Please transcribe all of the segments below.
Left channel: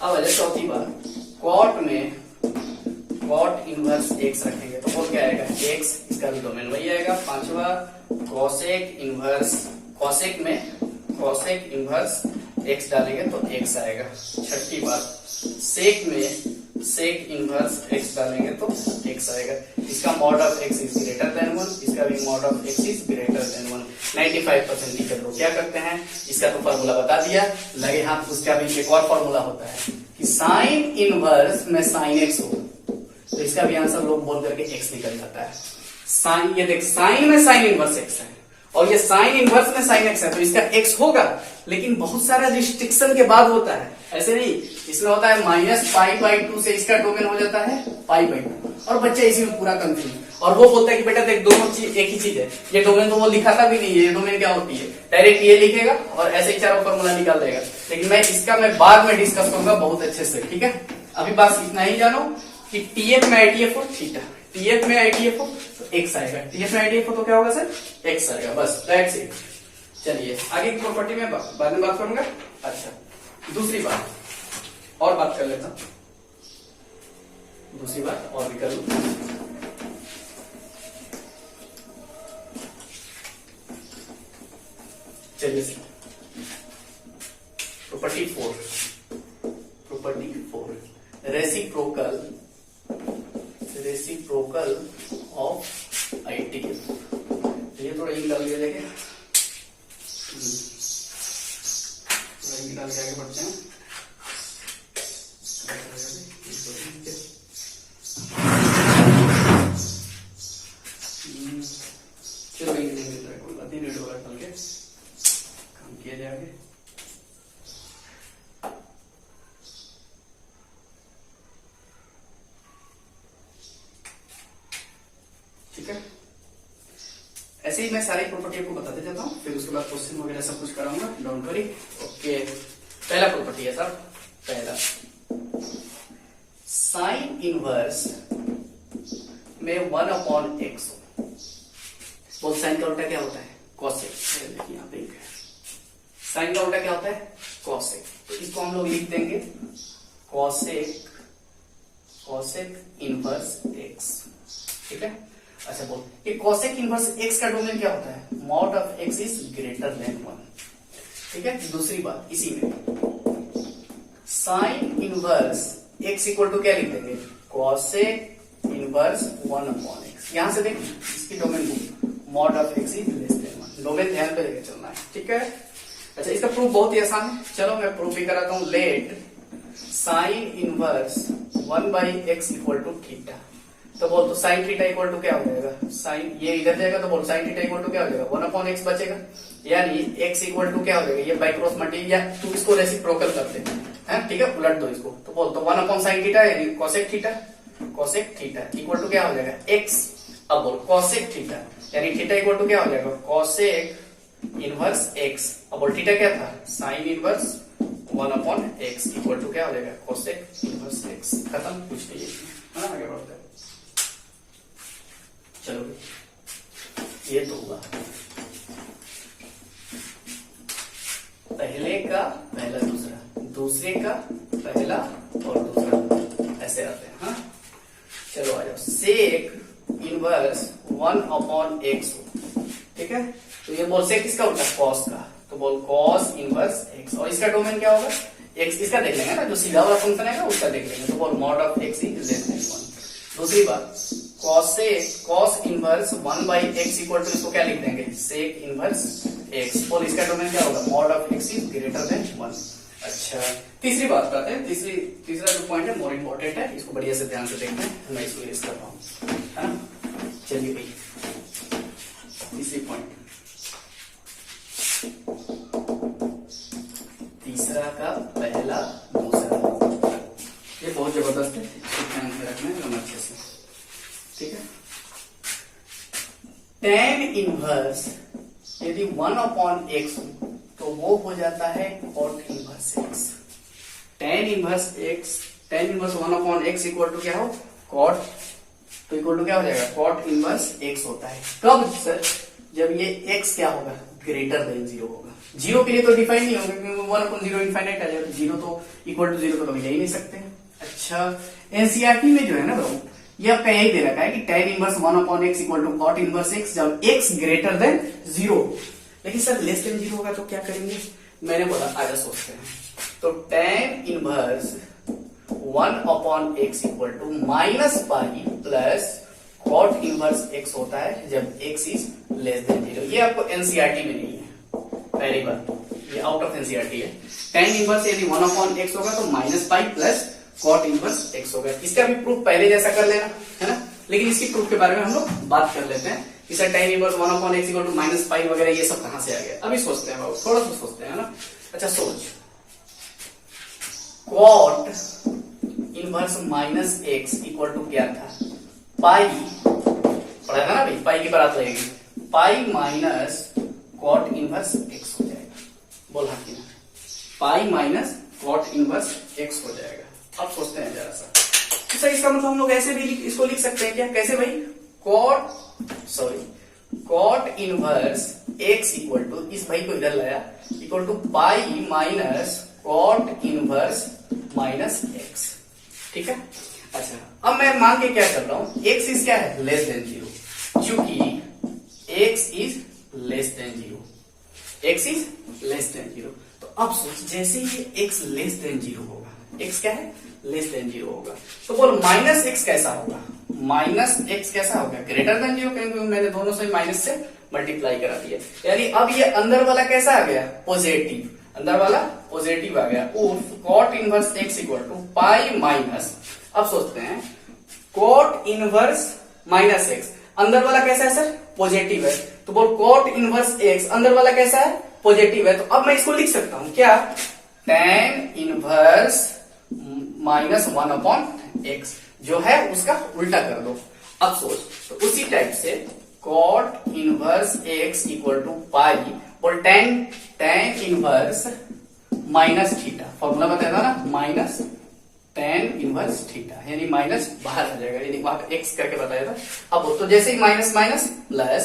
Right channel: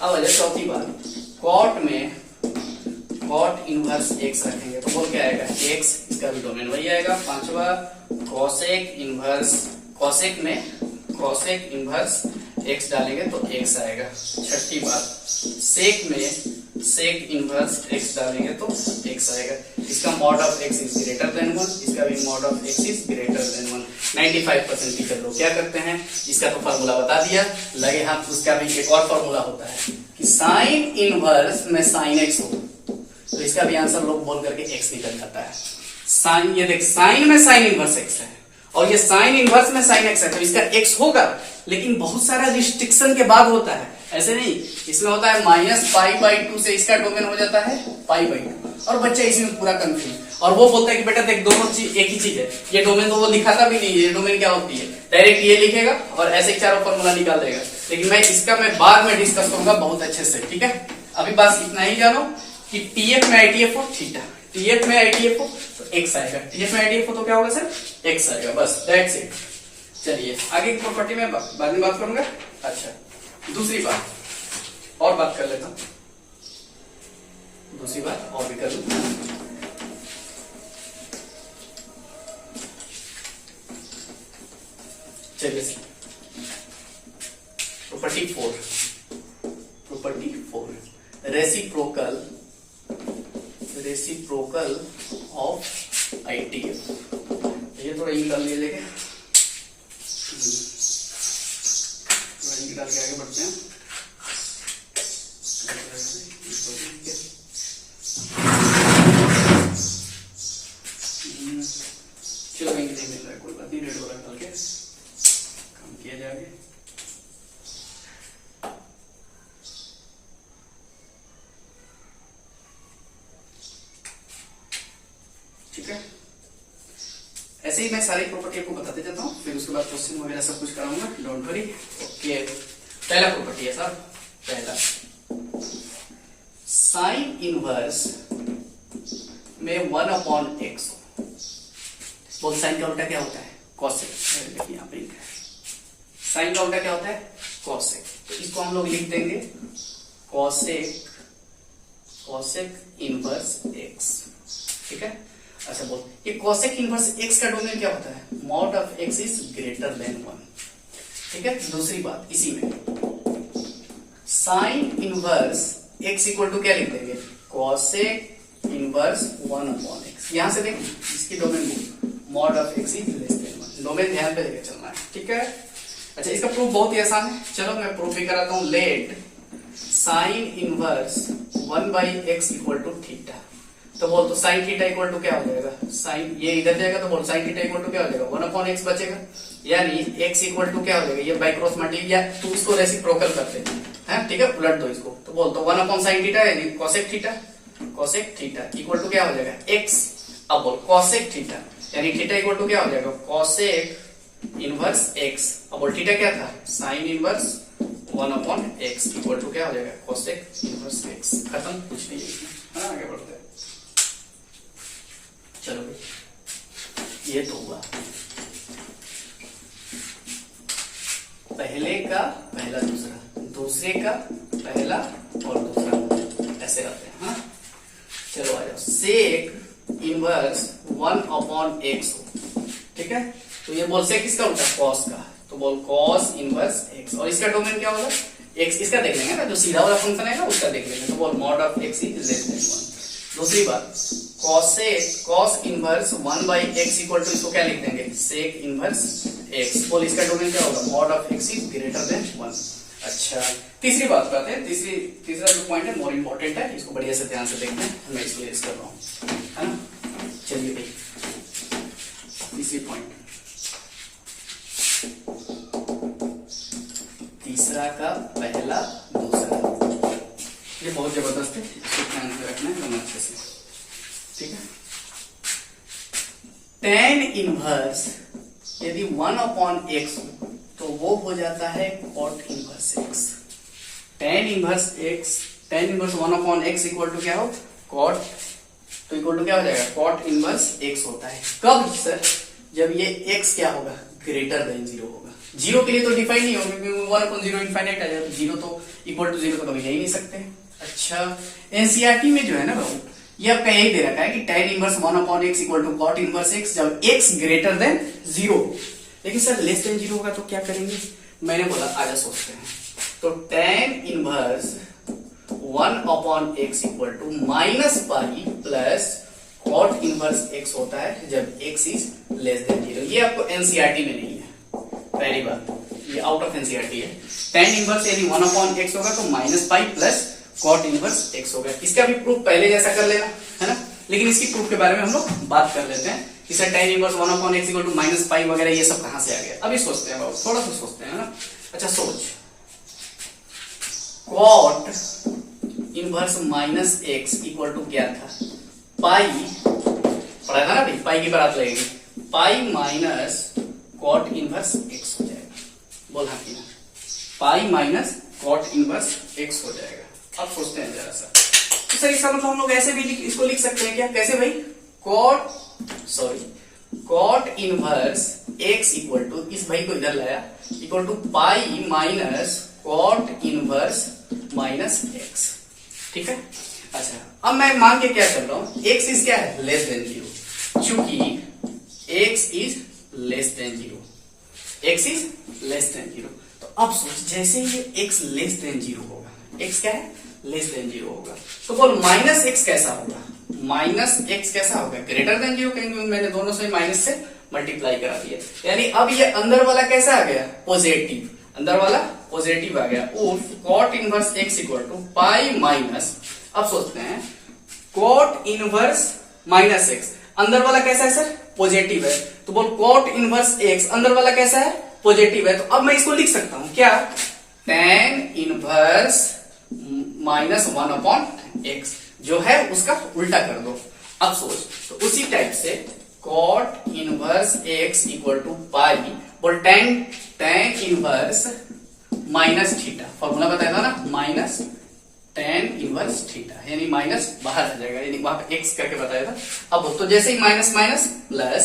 अब आ जाए चौथी बात, कॉट में कॉट इनवर्स एक्स रखेंगे तो बोल क्या आएगा एक्स, इसका भी डोमेन वही आएगा। पांचवा कॉसेक इनवर्स, कॉसेक में कॉसेक इनवर्स एक्स डालेंगे तो एक्स आएगा। छठी बात सेक में सेक इनवर्स एक्स डालेंगे तो एक्स आएगा। इसका mod of x is greater than 1, इसका भी mod of x is greater than 1। 95% teacher लोग क्या करते हैं, इसका तो फॉर्मूला बता दिया, लगे हाथ उसका भी एक और फॉर्मूला होता है कि साइन इनवर्स में साइन एक्स हो तो इसका भी आंसर लोग बोल करके एक्स निकल जाता है। साइन, ये देख साइन में साइन इनवर्स एक्स है और ये साइन इनवर्स में साइन एक्स है तो इसका एक्स होगा, लेकिन बहुत सारा रिस्ट्रिक्शन के बाद होता है, ऐसे नहीं। इसमें होता है -π/2 से इसका डोमेन हो जाता है π/2 और बच्चा इसमें पूरा कंफ्यूज, और वो बोलता है कि बेटा देख दोनों चीज एक ही चीज है, ये डोमेन तो वो दिखाता भी नहीं है, ये डोमेन क्या होती है, डायरेक्ट ये लिखेगा और ऐसे ही चारों फॉर्मूला निकाल देगा। लेकिन मैं बाद में डिस्कस करूंगा बहुत अच्छे से, ठीक है। अभी बस इतना ही जानो कि टीएफ में आईटीएफ हो, थीटा, टीएफ में आईटीएफ हो तो एक्स आएगा, टीएफ में आईटीएफ हो तो क्या होगा सर, एक्स आएगा, बस दैट्स इट। चलिए आगे की प्रॉपर्टी में बाद में बात करूंगा। अच्छा दूसरी बात और बात कर लेता हूं, दूसरी बात और भी कर लूं। चलिए प्रॉपर्टी 4 रेसिप्रोकल ऑफ आईटीएफ। ये थोड़ा इंक डाल दिया जाएगा, इंक डाल के आगे बढ़ते हैं। क्यों नहीं मिल रहा है, कोई बात नहीं, रेड वाला डाल के काम किया जाएगा। ठीक है, ऐसे ही मैं सारी प्रॉपर्टी आपको बताते जाता हूँ, फिर उसके बाद क्वेश्चन वगैरह सब कुछ कराऊंगा, डोंट वरी। ओके, पहला प्रॉपर्टी है सर, पहला साइन इनवर्स में 1/x। बोथ साइन का उल्टा क्या होता है, कॉसेक। यहाँ पे साइन का उल्टा क्या होता है, कॉसेक, तो इसको हम लोग लिख देंगे कॉसेक इनवर्स x, ठीक है। अच्छा बोल, ये कॉसेक इनवर्स x का डोमेन क्या होता है, mod of x is greater than 1, ठीक है। दूसरी बात इसी में sine inverse x equal to क्या लिख देंगे, कॉसेक इनवर्स 1/x। यहां से देख इसकी domain mod of x is less then 1, domain ध्यान पे लेके चलना है, ठीक है। अच्छा इसका प्रूफ बहुत ही आसान है, चलो मैं प्रूफ भी कराता हूं। Let sine inverse 1/x equal to theta, तो बोल तो साइन थीटा इक्वल टू क्या हो जाएगा, साइन ये इधर जाएगा तो बोल साइन थीटा इक्वल टू क्या हो जाएगा, 1/x बचेगा, यानी x इक्वल टू क्या हो जाएगा, ये बाय क्रॉस मल्टीप्लाई, या तू इसको रेसिप्रोकल कर दे, ठीक है, उलट दो इसको, तो बोल तो 1/sin थीटा यानी कॉसेक थीटा इक्वल टू क्या हो जाएगा, x। अब बोल कॉसेक थीटा यानी थीटा इक्वल टू क्या हो जाएगा, कॉसेक इनवर्स x। अब बोल थीटा क्या था, sign inverse 1/x equal to क्या हो जाएगा, कॉसेक इनवर्स x। खत्म, कुछ नहीं है इसमें, है ना। आगे बढ़ते हैं, चलो भाई, ये तो हुआ पहले का पहला दूसरा, दूसरे का पहला और दूसरा, ऐसे आते हैं, हाँ। चलो आ जाओ, सेक इनवर्स 1/x, ठीक है। तो ये बोल सेक किसका उल्टा, कॉस का, तो बोल कॉस इनवर्स x, और इसका डोमेन क्या होगा, x। इसका देख लेंगे ना, जो सीधा वाला फंक्शन है ना उसका देख लेंगे, तो बोल mod of x is less then 1। दूसरी बात cos inverse 1/x equal to, इसको क्या लिख देंगे, सेक इनवर्स x, और इसका डोमेन क्या होगा, mod of x is greater than 1। अच्छा तीसरी बात करते हैं, तीसरा जो पॉइंट है मोर इंपॉर्टेंट है, इसको बढ़िया से ध्यान से देखते हैं, मैं इसको यूज कर रहा हूँ, है ना। चलिए भाई तीसरी पॉइंट, तीसरा का पहला दूसरा, ये बहुत जबरदस्त है, इसको ध्यान से रखना है अच्छे से, ठीक है। tan इनवर्स यदि 1/x तो वो हो जाता है cot inverse x। tan inverse 1/x equal to क्या हो, cot, तो इक्वल टू क्या हो जाएगा, cot इनवर्स x होता है। कब सर, जब ये x क्या होगा, ग्रेटर देन 0 होगा। जीरो के लिए तो डिफाइन नहीं होंगे क्योंकि 1/0 इनफाइनाइट आ जाए, तो जीरो तो इक्वल टू जीरो तो कभी ले ही नहीं सकते। अच्छा, एनसीईआरटी में जो है ना बाबू, ये आपका यही दे रखा है कि tan inverse 1/x equal to cot inverse x जब x ग्रेटर देन 0। लेकिन सर लेस देन 0 होगा तो क्या करेंगे? मैंने बोला आजा सोचते हैं। तो tan inverse 1/x equal to -pi plus cot inverse x होता है जब x इज लेस देन 0। ये आपको एनसीईआरटी में नहीं है, पहली बात, ये आउट ऑफ एनसीईआरटी है। tan इनवर्स यदि 1/x होगा तो -पाई प्लस cot इनवर्स x होगा। इसका भी प्रूफ पहले जैसा कर लेना है ना, लेकिन इसकी प्रूफ के बारे में हम लोग बात कर लेते हैं। इसे tan inverse 1/x equal to -pi वगैरह ये सब कहां से आ गया, अभी सोचते हैं बाबू, थोड़ा सा सोचते हैं ना। अच्छा सोच, cot inverse -x equal to क्या था? पाई, पढ़ा था ना भाई, पाई की बात लगेगी, पाई माइनस cot इनवर्स x हो जाएगा। बोल हाँ कि ना, पाई माइनस cot इनवर्स x हो जाएगा। अब सोचते हैं जरा सा, तो सही इसका मतलब हम लोग ऐसे भी इसको लिख सकते हैं क्या? कैसे भाई? cot inverse x equal to, इस भाई को इधर लाया, equal to pi minus cot inverse minus x। ठीक है। अच्छा, अब मैं मान के क्या कर रहा हूं, x इज क्या है? Less than 0। चूंकि x is less than 0, x is less than 0, तो अब सोच जैसे ही x लेस देन 0 होगा, x क्या है? लेस देन 0 होगा, तो बोल माइनस x कैसा होगा? माइनस x कैसा होगा? ग्रेटर देन 0, क्योंकि मैंने दोनों से माइनस से मल्टीप्लाई करा दिया। यानी अब ये अंदर वाला कैसा आ गया? पॉजिटिव, अंदर वाला पॉजिटिव आ गया। उफ cot inverse x equal to pi minus, अब सोचते हैं cot इनवर्स माइनस x, अंदर वाला कैसा है सर? पॉजिटिव है, तो बोल cot इनवर्स x अंदर वाला कैसा है? पॉजिटिव है। तो अब मैं इसको लिख सकता हूं क्या? tan इनवर्स -1/x जो है उसका उल्टा कर दो। अब सोच, तो उसी टाइप से cot inverse x equal to pi, बोल tan inverse minus theta, formula बताया था ना, माइनस tan इनवर्स थीटा, यानी माइनस बाहर आ जाएगा, यानी वहां पे x करके बताया था। अब तो जैसे ही minus minus plus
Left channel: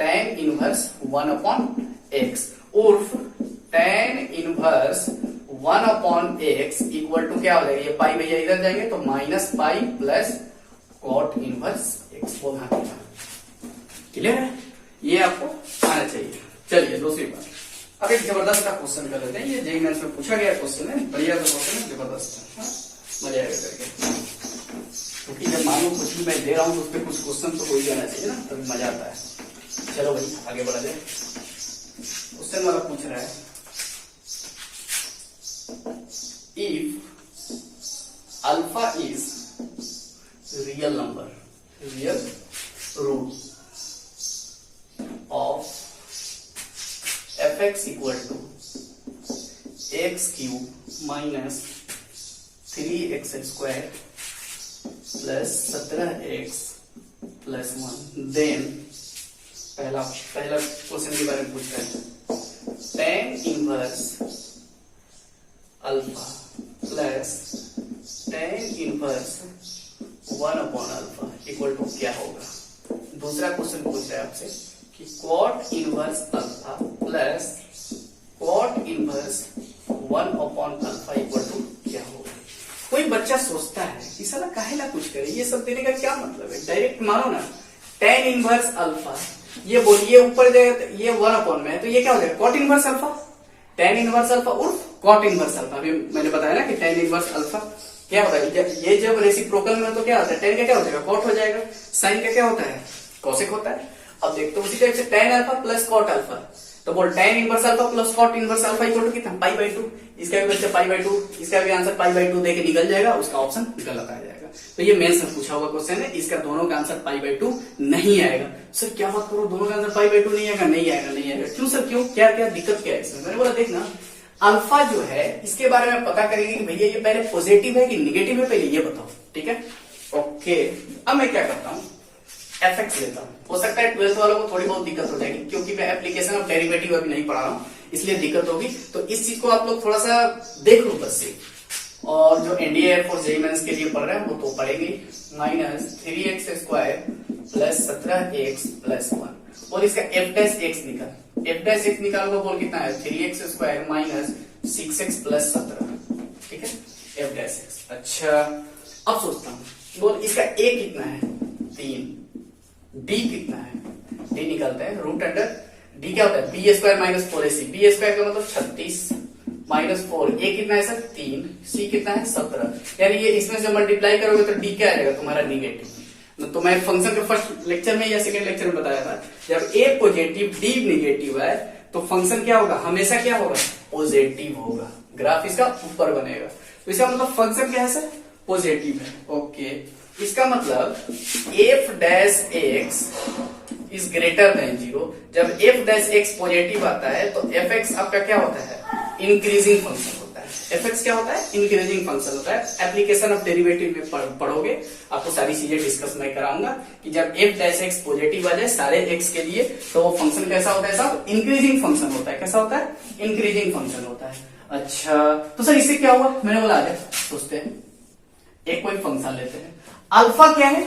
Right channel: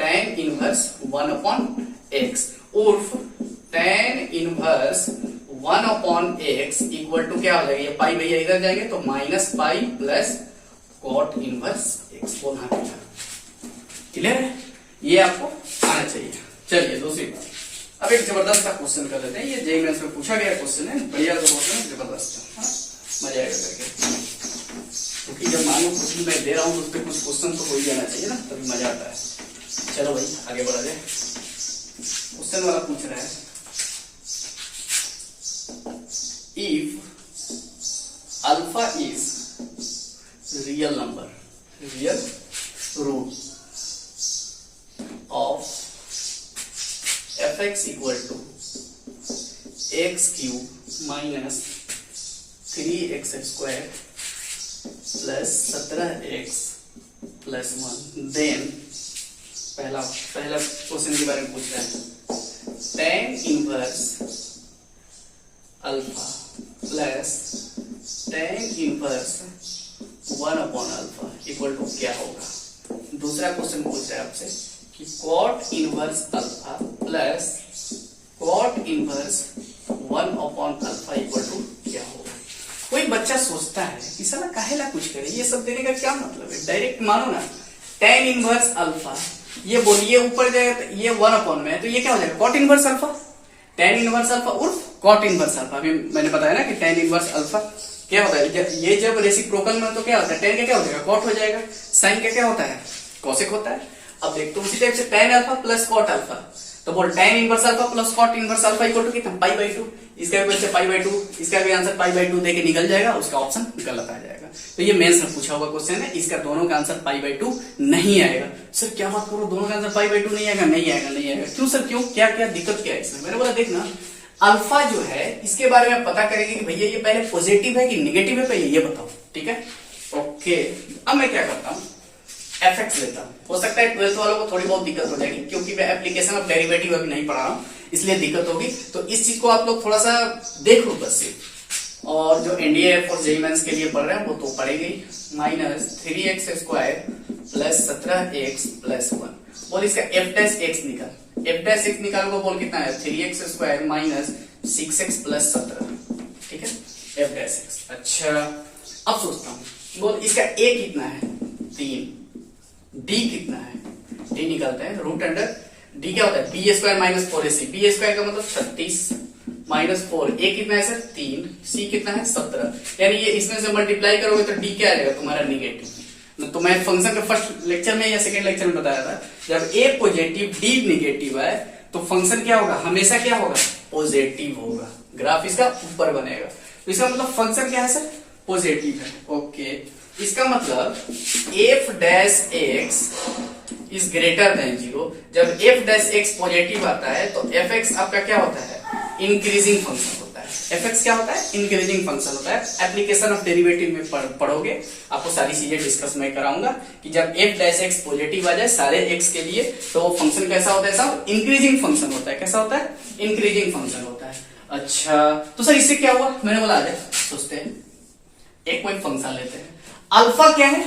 tan inverse 1/x उर्फ tan inverse 1/x equal to क्या हो जाएगा? ये पाई भैया इधर जाएंगे तो minus pi plus cot inverse x। बोलना क्लियर है? ये आपको आना चाहिए। चलिए दूसरी बात, अब एक जबरदस्त का क्वेश्चन कर लेते हैं। ये जेईई मेंस में पूछा गया क्वेश्चन है, बढ़िया तो क्वेश्चन है, जबरदस्त है, मजा आएगा करके। क्योंकि जब मालूम कुछ भी मैं दे रहा हूं तो उस पर कुछ क्वेश्चन तो हो ही जाना चाहिए ना, तभी मजा आता है। चलो भाई आगे बढ़ा दे। क्वेश्चन वाला पूछ रहा है, if alpha is real number, real root of fx equal to x cube minus 3x square plus 17x plus 1, then पहला क्वेश्चन के बारे में पूछ रहा है, tan inverse alpha plus tan inverse 1/अल्फा इक्वल टू क्या होगा? दूसरा क्वेश्चन पूछ रहा है आपसे कि cot inverse alpha plus cot inverse 1/अल्फा इक्वल टू क्या होगा? कोई बच्चा सोचता है कि साला काहेला कुछ करे, ये सब देने का क्या मतलब है? डायरेक्ट मानो ना, tan इनवर्स अल्फा, ये बोलिए ऊपर जाएगा तो ये 1/में है, तो ये क्या हो जाएगा? cot inverse alpha, tan inverse alpha उर्फ cot इनवर्स अल्फा। अभी मैंने बताया ना कि tan इनवर्स अल्फा क्या होता है, ये जब रेसिप्रोकल में तो क्या होता है? tan का क्या हो जाएगा? cot हो जाएगा। sin का क्या होता है? cosec होता है। अब देखते उसी टाइप से tan alpha plus cot alpha, तो बोल tan inverse alpha plus cot inverse alpha equal to कितना? पाई/2। इसका भी बच्चा पाई/2, इसका भी आंसर पाई/2 देके निकल जाएगा, उसका ऑप्शन गलत आ जाएगा। तो ये मेंस में पूछा हुआ क्वेश्चन है, इसका दोनों का आंसर पाई/2 नहीं आएगा। सर क्या बात करो, दोनों का आंसर पाई/2 नहीं आएगा? नहीं आएगा, नहीं आएगा। क्यों सर, क्यों? क्या क्या दिक्कत क्या है इसमें? मैंने बोला देखना, अल्फा जो है इसके बारे में पता करेगी कि भैया ये पहले पॉजिटिव है कि निगेटिव है, पहले ये बताओ। ठीक है, ओके। अब मैं क्या करता हूँ, fx लेता हूँ। हो सकता है 12th वालों को थोड़ी बहुत दिक्कत हो जाएगी, क्योंकि मैं एप्लीकेशन ऑफ डेरिवेटिव अभी नहीं पढ़ा रहा हूँ, इसलिए दिक्कत होगी। तो इस चीज को आप लोग थोड़ा सा देख लो, बस सिर्फ और जो एनडीए फॉर जेईई मेंस के लिए पढ़ रहे हैं वो तो पढ़ेगी। Minus 3x square plus 17x plus 1। और इसका f डैश x निकाल, f डैश x निकालोगे बोल कितना है 3x square minus 6x plus 17। ठीक है, f डैश x। अच्छा अब सोचता हूँ, बोल इसका a कितना है 3, d कितना है, d निकालते हैं रूट अंडर d क्या होता है b square minus 4ac, b square का मतलब 36 माइनस 4, a कितना है सर 3, c कितना है 17। यानी ये इसमें से मल्टीप्लाई करोगे तो d क्या आ जाएगा तुम्हारा निगेटिव। तो मैं फंक्शन के फर्स्ट लेक्चर में या सेकंड लेक्चर में बताया था, जब a पॉजिटिव d निगेटिव है तो फंक्शन क्या होगा, हमेशा क्या होगा पॉजिटिव होगा, ग्राफ इसका ऊपर बनेगा। तो इसका मतलब फंक्शन क्या है सर पॉजिटिव है। ओके, इसका मतलब f dash x is greater than 0। जब f डैश x पॉजिटिव आता है तो fx आपका क्या होता है इंक्रीजिंग फंक्शन होता है। fx क्या होता है इंक्रीजिंग फंक्शन होता है। एप्लीकेशन ऑफ डेरिवेटिव में पढ़ोगे, आपको सारी चीजें डिस्कस मैं कराऊंगा कि जब f डैश x पॉजिटिव आ जाए सारे x के लिए तो वो फंक्शन कैसा होता है साहब इंक्रीजिंग फंक्शन होता है। कैसा होता है इंक्रीजिंग फंक्शन होता है। अच्छा तो सर इससे क्या हुआ, मैंने बोला आ जाए सोचते हैं, एक कोई फंक्शन लेते हैं, अल्फा क्या है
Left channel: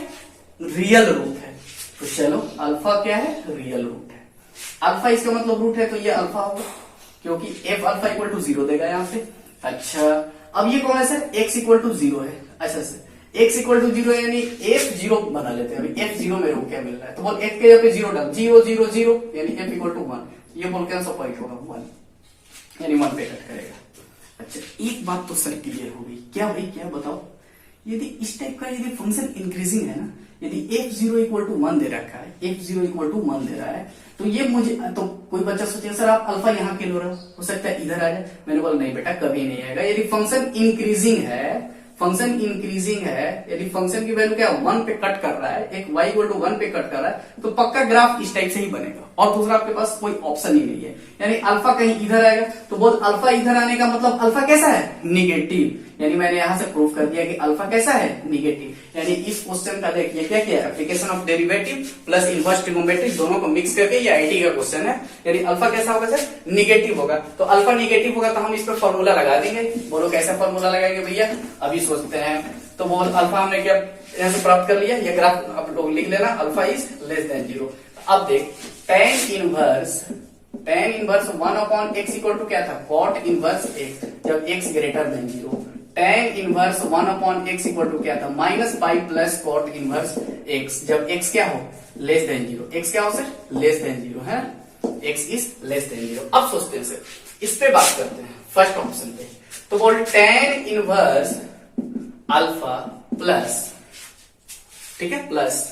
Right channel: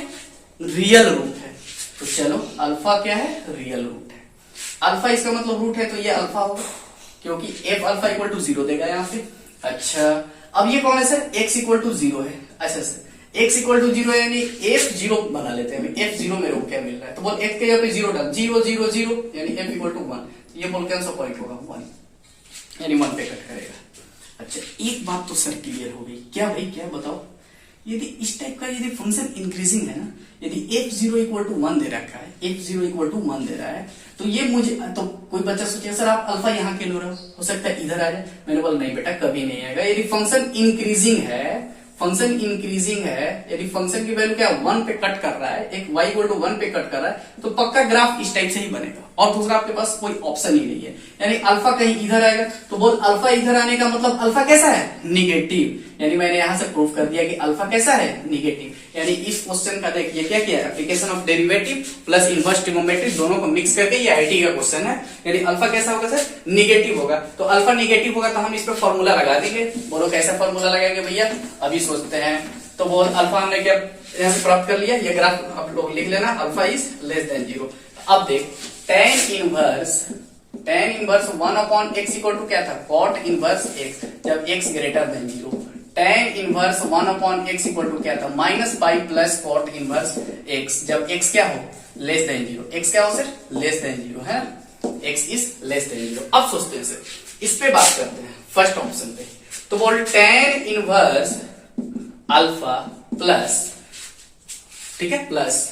रियल रूट है। तो चलो अल्फा क्या है रियल रूट है, अल्फा इसका मतलब रूट है तो ये अल्फा होगा क्योंकि f अल्फा इक्वल टू 0 देगा यहाँ पे। अच्छा अब ये कौन है सर x इक्वल टू 0 है। अच्छा सर x इक्वल टू 0 यानी f0 बना लेते हैं। अभी f0 मेरे को क्या मिल रहा है, तो बोल x के यहाँ पे 0 डाल, 0 0 0 यानी f इक्वल टू 1। ये बोल के आंसर पॉइंट होगा 1 यानी 1 पे कट करेगा। अच्छा एक बात तो सर क्लियर हो गई, क्या भाई क्या बताओ, यदि इस टाइप का यदि फंक्शन इंक्रीजिंग है ना, यदि f0 इक्वल टू 1 दे रखा है, f0 इक्वल टू 1 दे रहा है तो ये मुझे तो कोई बच्चा सोचेगा सर आप अल्फा यहाँ क्यों लो रहे हो सकता है इधर आ जाए। मैंने बोला नहीं बेटा कभी नहीं आएगा। यदि फंक्शन इंक्रीजिंग है, फंक्शन इंक्रीजिंग है, यदि फंक्शन की वैल्यू क्या 1 पे कट कर रहा है, एक y इक्वल टू 1 पे कट कर रहा है तो पक्का ग्राफ इस टाइप से ही बनेगा और दूसरा आपके पास कोई ऑप्शन ही नहीं है। यानी अल्फा कहीं इधर आएगा तो बोल अल्फा इधर आने का मतलब अल्फा कैसा है निगेटिव। यानी मैंने यहां से प्रूव कर दिया कि अल्फा कैसा है निगेटिव। यानी इस क्वेश्चन का देखिए क्या किया, application of derivative plus inverse trigonometry दोनों को मिक्स करके ये आईटी का क्वेश्चन है। यदि अल्फा कैसा होगा सर निगेटिव होगा, तो अल्फा निगेटिव होगा तो हम इस पर फॉर्मूला लगा देंगे। बोलो कैसा फॉर्मूला लगाएंगे भैया, अभी सोचते हैं। तो बोल अल्फा हमने क्या यहाँ से प्राप्त कर लिया, ये ग्राफ आप लोग लिख लेना, अल्फा इज लेस देन 0। अब देख tan inverse 1 upon x equal to क्या था cot इनवर्स x, जब x greater than 0। tan inverse 1 upon x equal to क्या था minus pi plus cot inverse x, जब x क्या हो लेस देन 0। x क्या हो सर लेस देन 0 है, x इज लेस देन 0। अब सोचते हैं सर इस पे बात करते हैं फर्स्ट ऑप्शन पे। तो बोल tan इनवर्स अल्फा प्लस, ठीक है प्लस,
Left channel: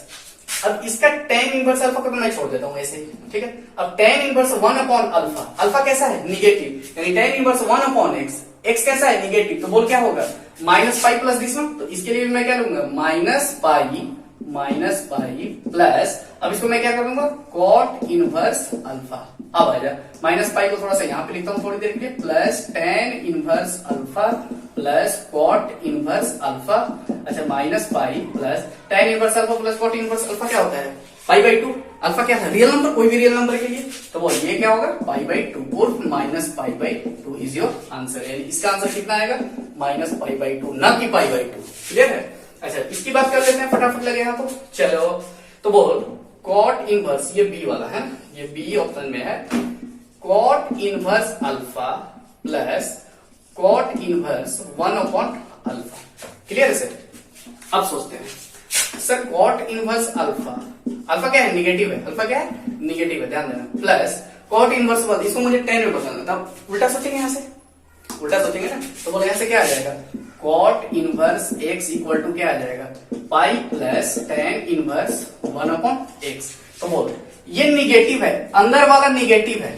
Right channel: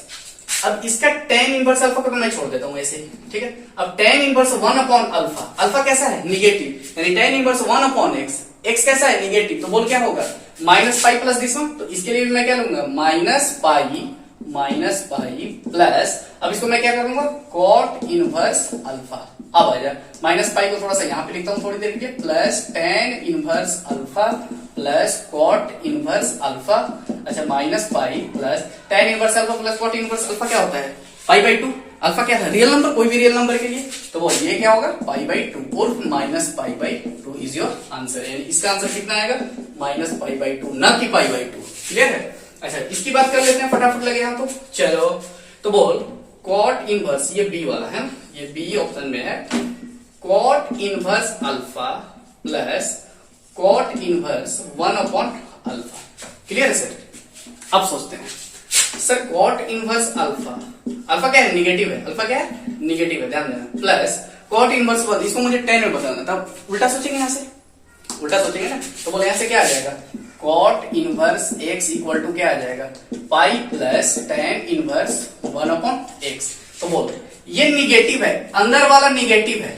अब इसका tan इनवर्स अल्फा को तो मैं छोड़ देता हूं ऐसे ही, ठीक है। अब tan inverse 1 upon alpha, alpha कैसा है निगेटिव, यानी tan inverse 1 upon x, x कैसा है निगेटिव, तो बोल क्या होगा minus pi plus this one. तो इसके लिए मैं क्या लूंगा माइनस पाई प्लस, अब इसको मैं क्या करूंगा cot इनवर्स अल्फा। अब आ जा माइनस पाई को थोड़ा सा यहाँ पे लिखता हूँ थोड़ी देर के, plus tan inverse alpha plus cot inverse alpha. अच्छा minus pi plus tan inverse alpha plus cot inverse alpha क्या होता है पाई बाई 2। अल्फा क्या था रियल नंबर, कोई भी रियल नंबर के लिए, तो वो ये क्या होगा पाई बाई 2 और minus pi by 2 is your answer. यानी इसका आंसर कितना आएगा माइनस पाई बाई 2 न कि पाई बाई 2। क्लियर है। अच्छा इसकी बात कर लेते हैं फटाफट लगे यहाँ तो चलो। तो बोल cot इनवर्स, ये बी वाला है, ये बी ऑप्शन में है, cot inverse alpha plus cot inverse 1 upon alpha. Clear है सर। अब सोचते हैं sir cot inverse alpha, alpha क्या है निगेटिव है, अल्फा क्या है निगेटिव है ध्यान देना, प्लस cot इनवर्स 1, इसको मुझे 10 में बदलना था, उल्टा सोचेंगे यहाँ से, उल्टा सोचेंगे ना। तो बोले यहाँ से क्या आ जाएगा cot inverse x equal to क्या आ जाएगा pi plus tan inverse 1 upon x। तो बोल ये निगेटिव है, अंदर वाला निगेटिव है,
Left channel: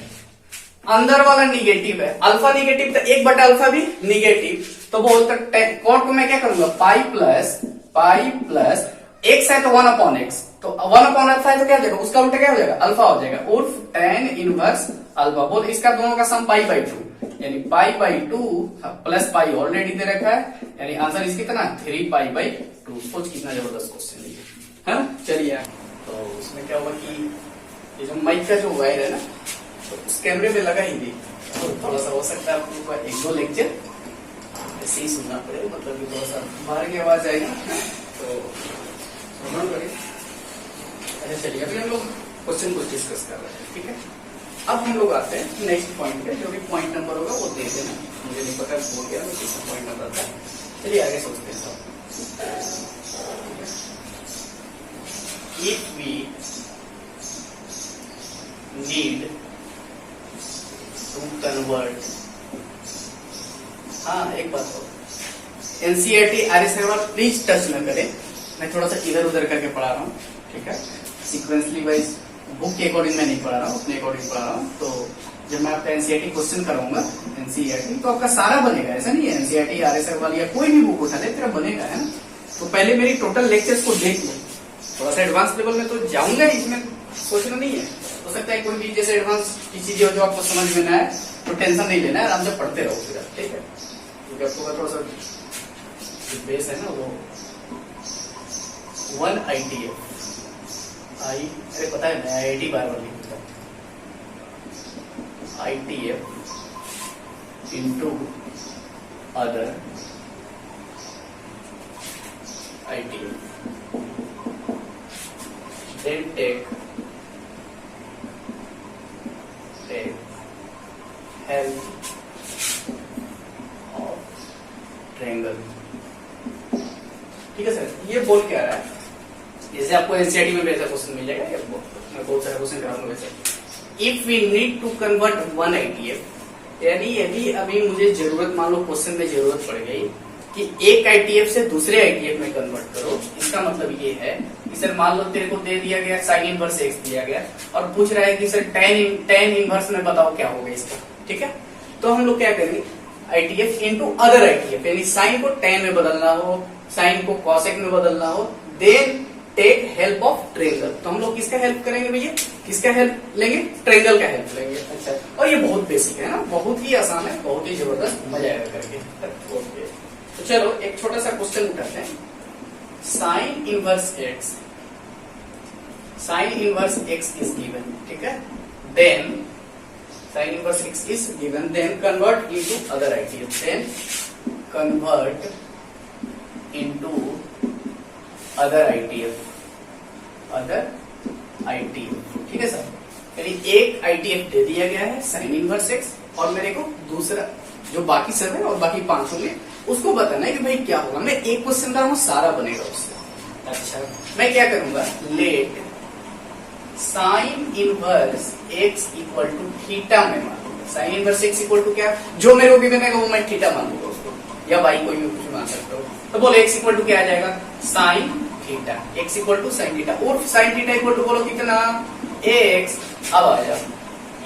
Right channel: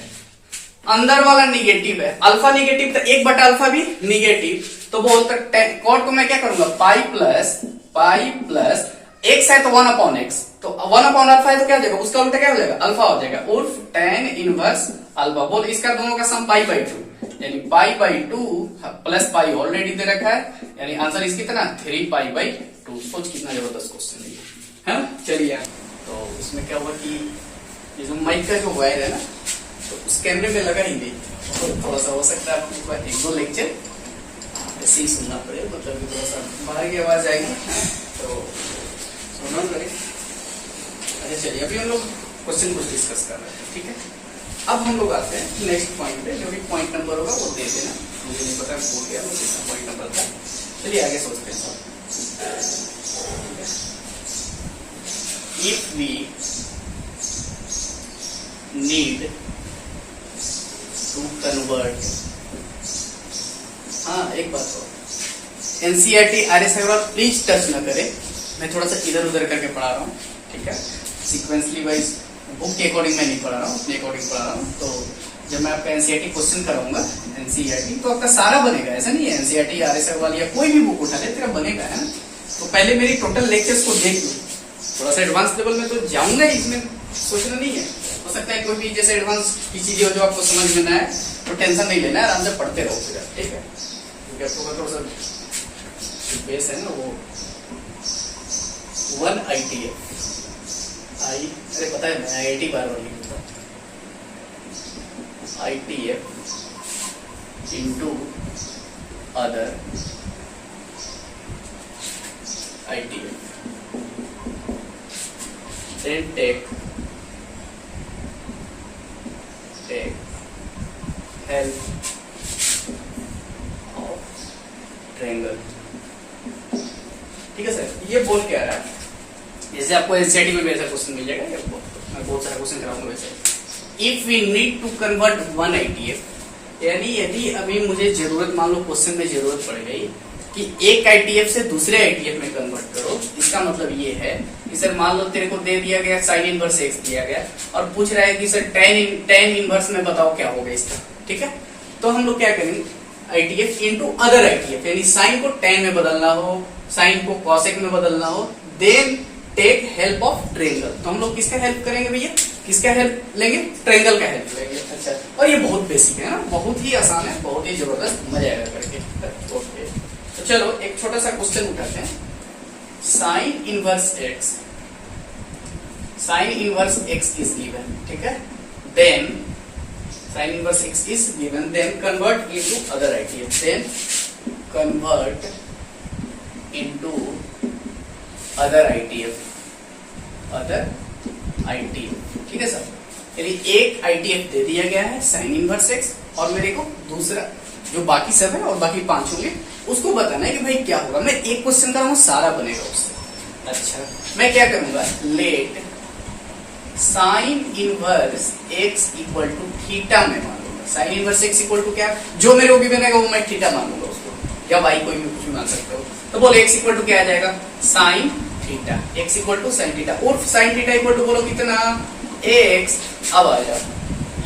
अंदर वाला निगेटिव है, अल्फा निगेटिव तो 1/अल्फा भी निगेटिव। तो बोल तक cot को मैं क्या करूंगा पाई प्लस x है तो 1 अपॉन x, तो 1 अपॉन अल्फा है तो क्या हो जाएगा उसका उल्टा क्या हो जाएगा अल्फा हो जाएगा, उर्फ tan इनवर्स अल्फा। बोल इसका दोनों का सम पाई बाई 2, यानी pi by 2 plus pi already दे रखा है, यानी आंसर इसकी कितना 3 पाई बाई 2। सोच कितना जबरदस्त क्वेश्चन है। चलिए तो इसमें क्या हुआ कि ये जो माइक का जो वायर है ना तो उस कैमरे पे लगा ही नहीं, तो थोड़ा सा हो सकता है आपको एक दो लेक्चर ऐसे ही सुनना पड़ेगा, मतलब कि थोड़ा सा बाहर की आवाज आएगी तो सुनना पड़ेगा। अच्छा चलिए, अभी हम लोग क्वेश्चन कुछ डिस्कस कर रहे हैं, ठीक है। अब हम लोग आते हैं नेक्स्ट पॉइंट पे, जो भी पॉइंट नंबर होगा वो देख लेना, मुझे नहीं पता भूल गया वो किस पॉइंट नंबर था। चलिए आगे सोचते हैं सब। If we need to convert, हाँ एक बात हो, एनसीईआरटी आरएस प्लीज टच न करें, मैं थोड़ा सा इधर उधर करके पढ़ा रहा हूँ, ठीक है। सीक्वेंसली वाइज बुक के अकॉर्डिंग मैं नहीं पढ़ा रहा हूँ, अपने अकॉर्डिंग पढ़ा रहा हूँ। तो जब मैं आपका एनसीईआरटी क्वेश्चन कराऊंगा एनसीईआरटी, तो आपका सारा बनेगा, ऐसा नहीं है एनसीईआरटी आरएसएफ वाली या कोई भी बुक उठा ले तेरा बनेगा, है ना। तो पहले मेरी टोटल लेक्चर्स को देख लो, थोड़ा सा एडवांस लेवल में तो जाऊंगा ही, इसमें सोचना नहीं है। हो सकता है कोई भी जैसे एडवांस की चीजें हो जो आपको समझ में ना आए तो टेंशन नहीं लेना है, आराम से पढ़ते रहो फिर, ठीक है। क्योंकि आपको थोड़ा सा बेस है ना वो 1 ITF आई, अरे पता है मैं IIT बार बार लिखता हूँ, ITF into other ITF, then take help of triangle, ठीक है सर। ये बोल क्या रहा है, जैसे आपको एनसीईआरटी में वैसा क्वेश्चन मिल जाएगा, मैं बहुत सारा क्वेश्चन कराऊंगा वैसे। If we need to convert 1 ITF, यानी यदि अभी मुझे जरूरत, मान लो क्वेश्चन में जरूरत पड़ गई कि एक ITF से दूसरे ITF में कन्वर्ट करो, इसका मतलब ये है कि सर मान लो तेरे को दे दिया गया साइन इनवर्स x दिया गया और पूछ रहा है कि सर tan इनवर्स में बताओ क्या होगा इसका, ठीक है। तो हम लोग क्या करेंगे, ITF इंटू अदर ITF, यानी साइन को tan में बदलना हो, साइन को cosec में बदलना हो, then take help of triangle. तो हम लोग किसका हेल्प करेंगे भैया, किसका हेल्प लेंगे, ट्रायंगल का हेल्प लेंगे। अच्छा, और ये बहुत बेसिक है ना, बहुत ही आसान है, बहुत ही जबरदस्त, मजा आएगा करके। ओके, तो चलो एक छोटा सा क्वेश्चन उठाते हैं। Sine inverse x, sine inverse x is given, ठीक है। Then sine inverse x is given, then convert into other ITF, then convert into other ITF, other ITF, ठीक है सर। यानी एक ITF दे दिया गया है साइन इनवर्स x, और मेरे को दूसरा जो बाकी सब है और बाकी 5 होंगे उसको बताना है कि भाई क्या होगा। मैं एक क्वेश्चन कर रहा हूँ, सारा बनेगा उससे। अच्छा, मैं क्या करूंगा, let sine inverse x equal to theta में मान लूंगा। Sine inverse x equal to क्या, जो मेरे को गिवन है वो मैं थीटा मान लूंगा उसको, या y कोई भी कुछ भी मान सकते हो। तो बोलो x इक्वल टू क्या आ जाएगा, sine theta, x equal to sine theta, और साइन थीटा इक्वल टू बोलो कितना, x। अब आ जाओ,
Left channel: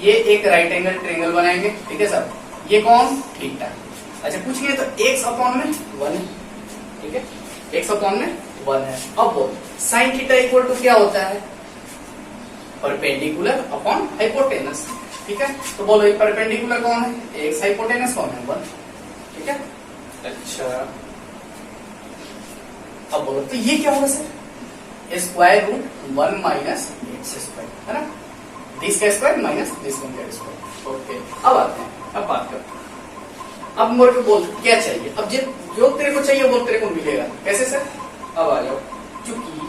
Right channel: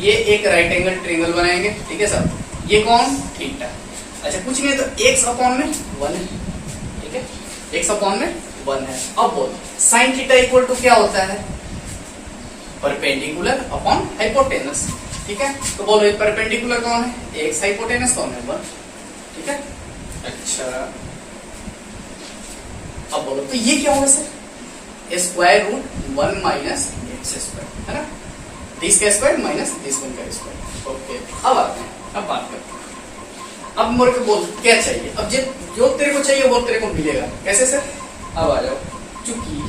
ये एक राइट एंगल ट्रायंगल बनाएंगे, ठीक है सर। ये कौन, थीटा। अच्छा, कुछ नहीं तो x अपॉन में 1 है, ठीक है, x अपॉन में 1 है। अब बोल साइन थीटा इक्वल टू क्या होता है, परपेंडिकुलर अपॉन हाइपोटेनस, ठीक है। तो बोलो परपेंडिकुलर कौन है, x, हाइपोटेनस कौन है, 1, ठीक है। अच्छा, अब बोलो तो ये क्या होगा sir, square root 1 minus x square, है ना, दिस का स्क्वायर माइनस दिस वन का स्क्वायर। ओके, अब आते हैं, अब बात करते हैं। अब मेरे को बोल क्या चाहिए, अब जो तेरे को चाहिए वो तेरे को मिलेगा, कैसे सर। अब आ जाओ, चूंकि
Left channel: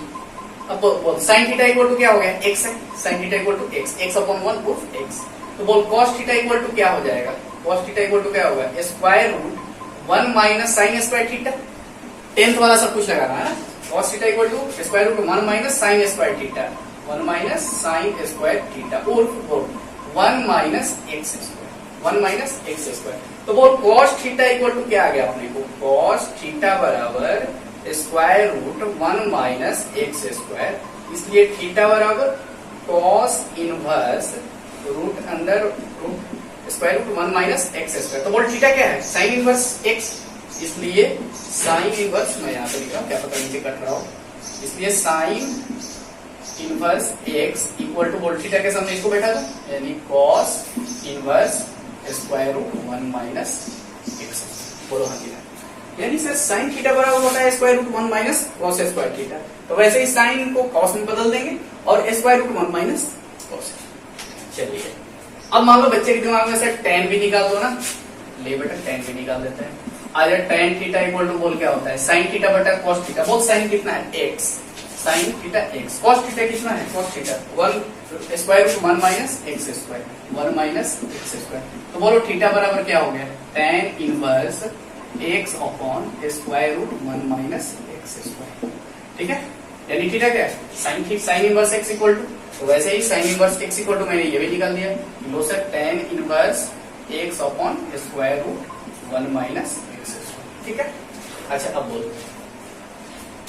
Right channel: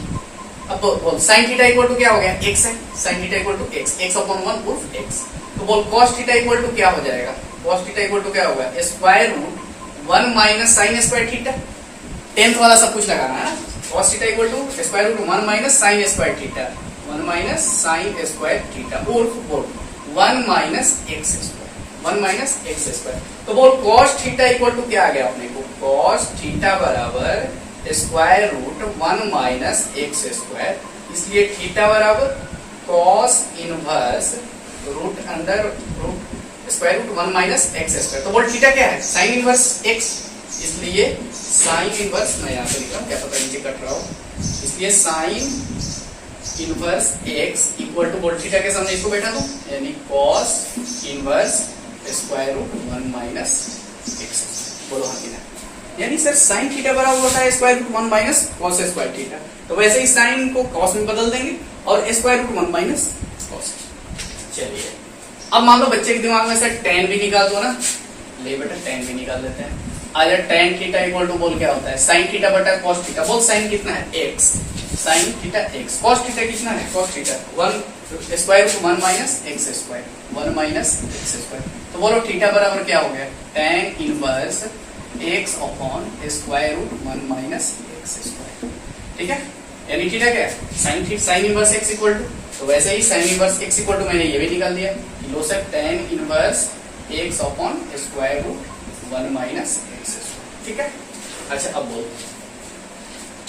अब बोल साइन थीटा इक्वल टू क्या हो गया, x है, sine theta equal to x, x upon 1 proof x। तो बोल cos थीटा इक्वल टू क्या हो जाएगा, cos थीटा इक्वल टू क्या होगा, square root 1 minus sine square theta, 10th वाला सब कुछ लगाना है। cos theta equal to square root 1 minus sine square theta, 1 minus sine square theta, और 1 minus x square, 1 minus x square. तो बोल cos थीटा इक्वल टू क्या आ गया अपने को, cos थीटा बराबर square root 1 minus x square, इसलिए थीटा बराबर cos inverse root under root square root 1 minus x square. तो बोल थीटा क्या है, साइन इनवर्स x, इसलिए साइन इनवर्स, मैं यहाँ पे लिख रहा हूँ, क्या पता नीचे कट रहा हो, इसलिए sine inverse x equal to बोल थीटा के सामने इसको बैठा दो, यानी cos inverse square root 1 minus x. बोलो हाँ थीटा, यानी सर साइन थीटा बराबर होता है square root 1 minus cos square theta. तो वैसे ही साइन को कॉस में बदल देंगे और स्क्वायर रूट 1 माइनस कॉस। चलिए, अब मान लो बच्चे के दिमाग में सर tan भी निकाल दो ना, ले बेटा tan भी निकाल लेते हैं। आ जाए tan थीटा इक्वल टू बोल क्या होता है sin थीटा बटा cos थीटा। बोल sin कितना है x, sin theta x, cos theta कितना है cos theta 1 square root 1 minus x square, 1 minus x square. तो बोलो थीटा बराबर क्या हो गया tan inverse x upon square root 1 minus x square. ठीक है, यानी थीटा क्या है sin inverse x equal to, तो वैसे ही sin inverse x equal to मैंने ये भी निकाल दिया लो sir tan inverse x upon square root 1 minus x square. ठीक है, अच्छा अब बोल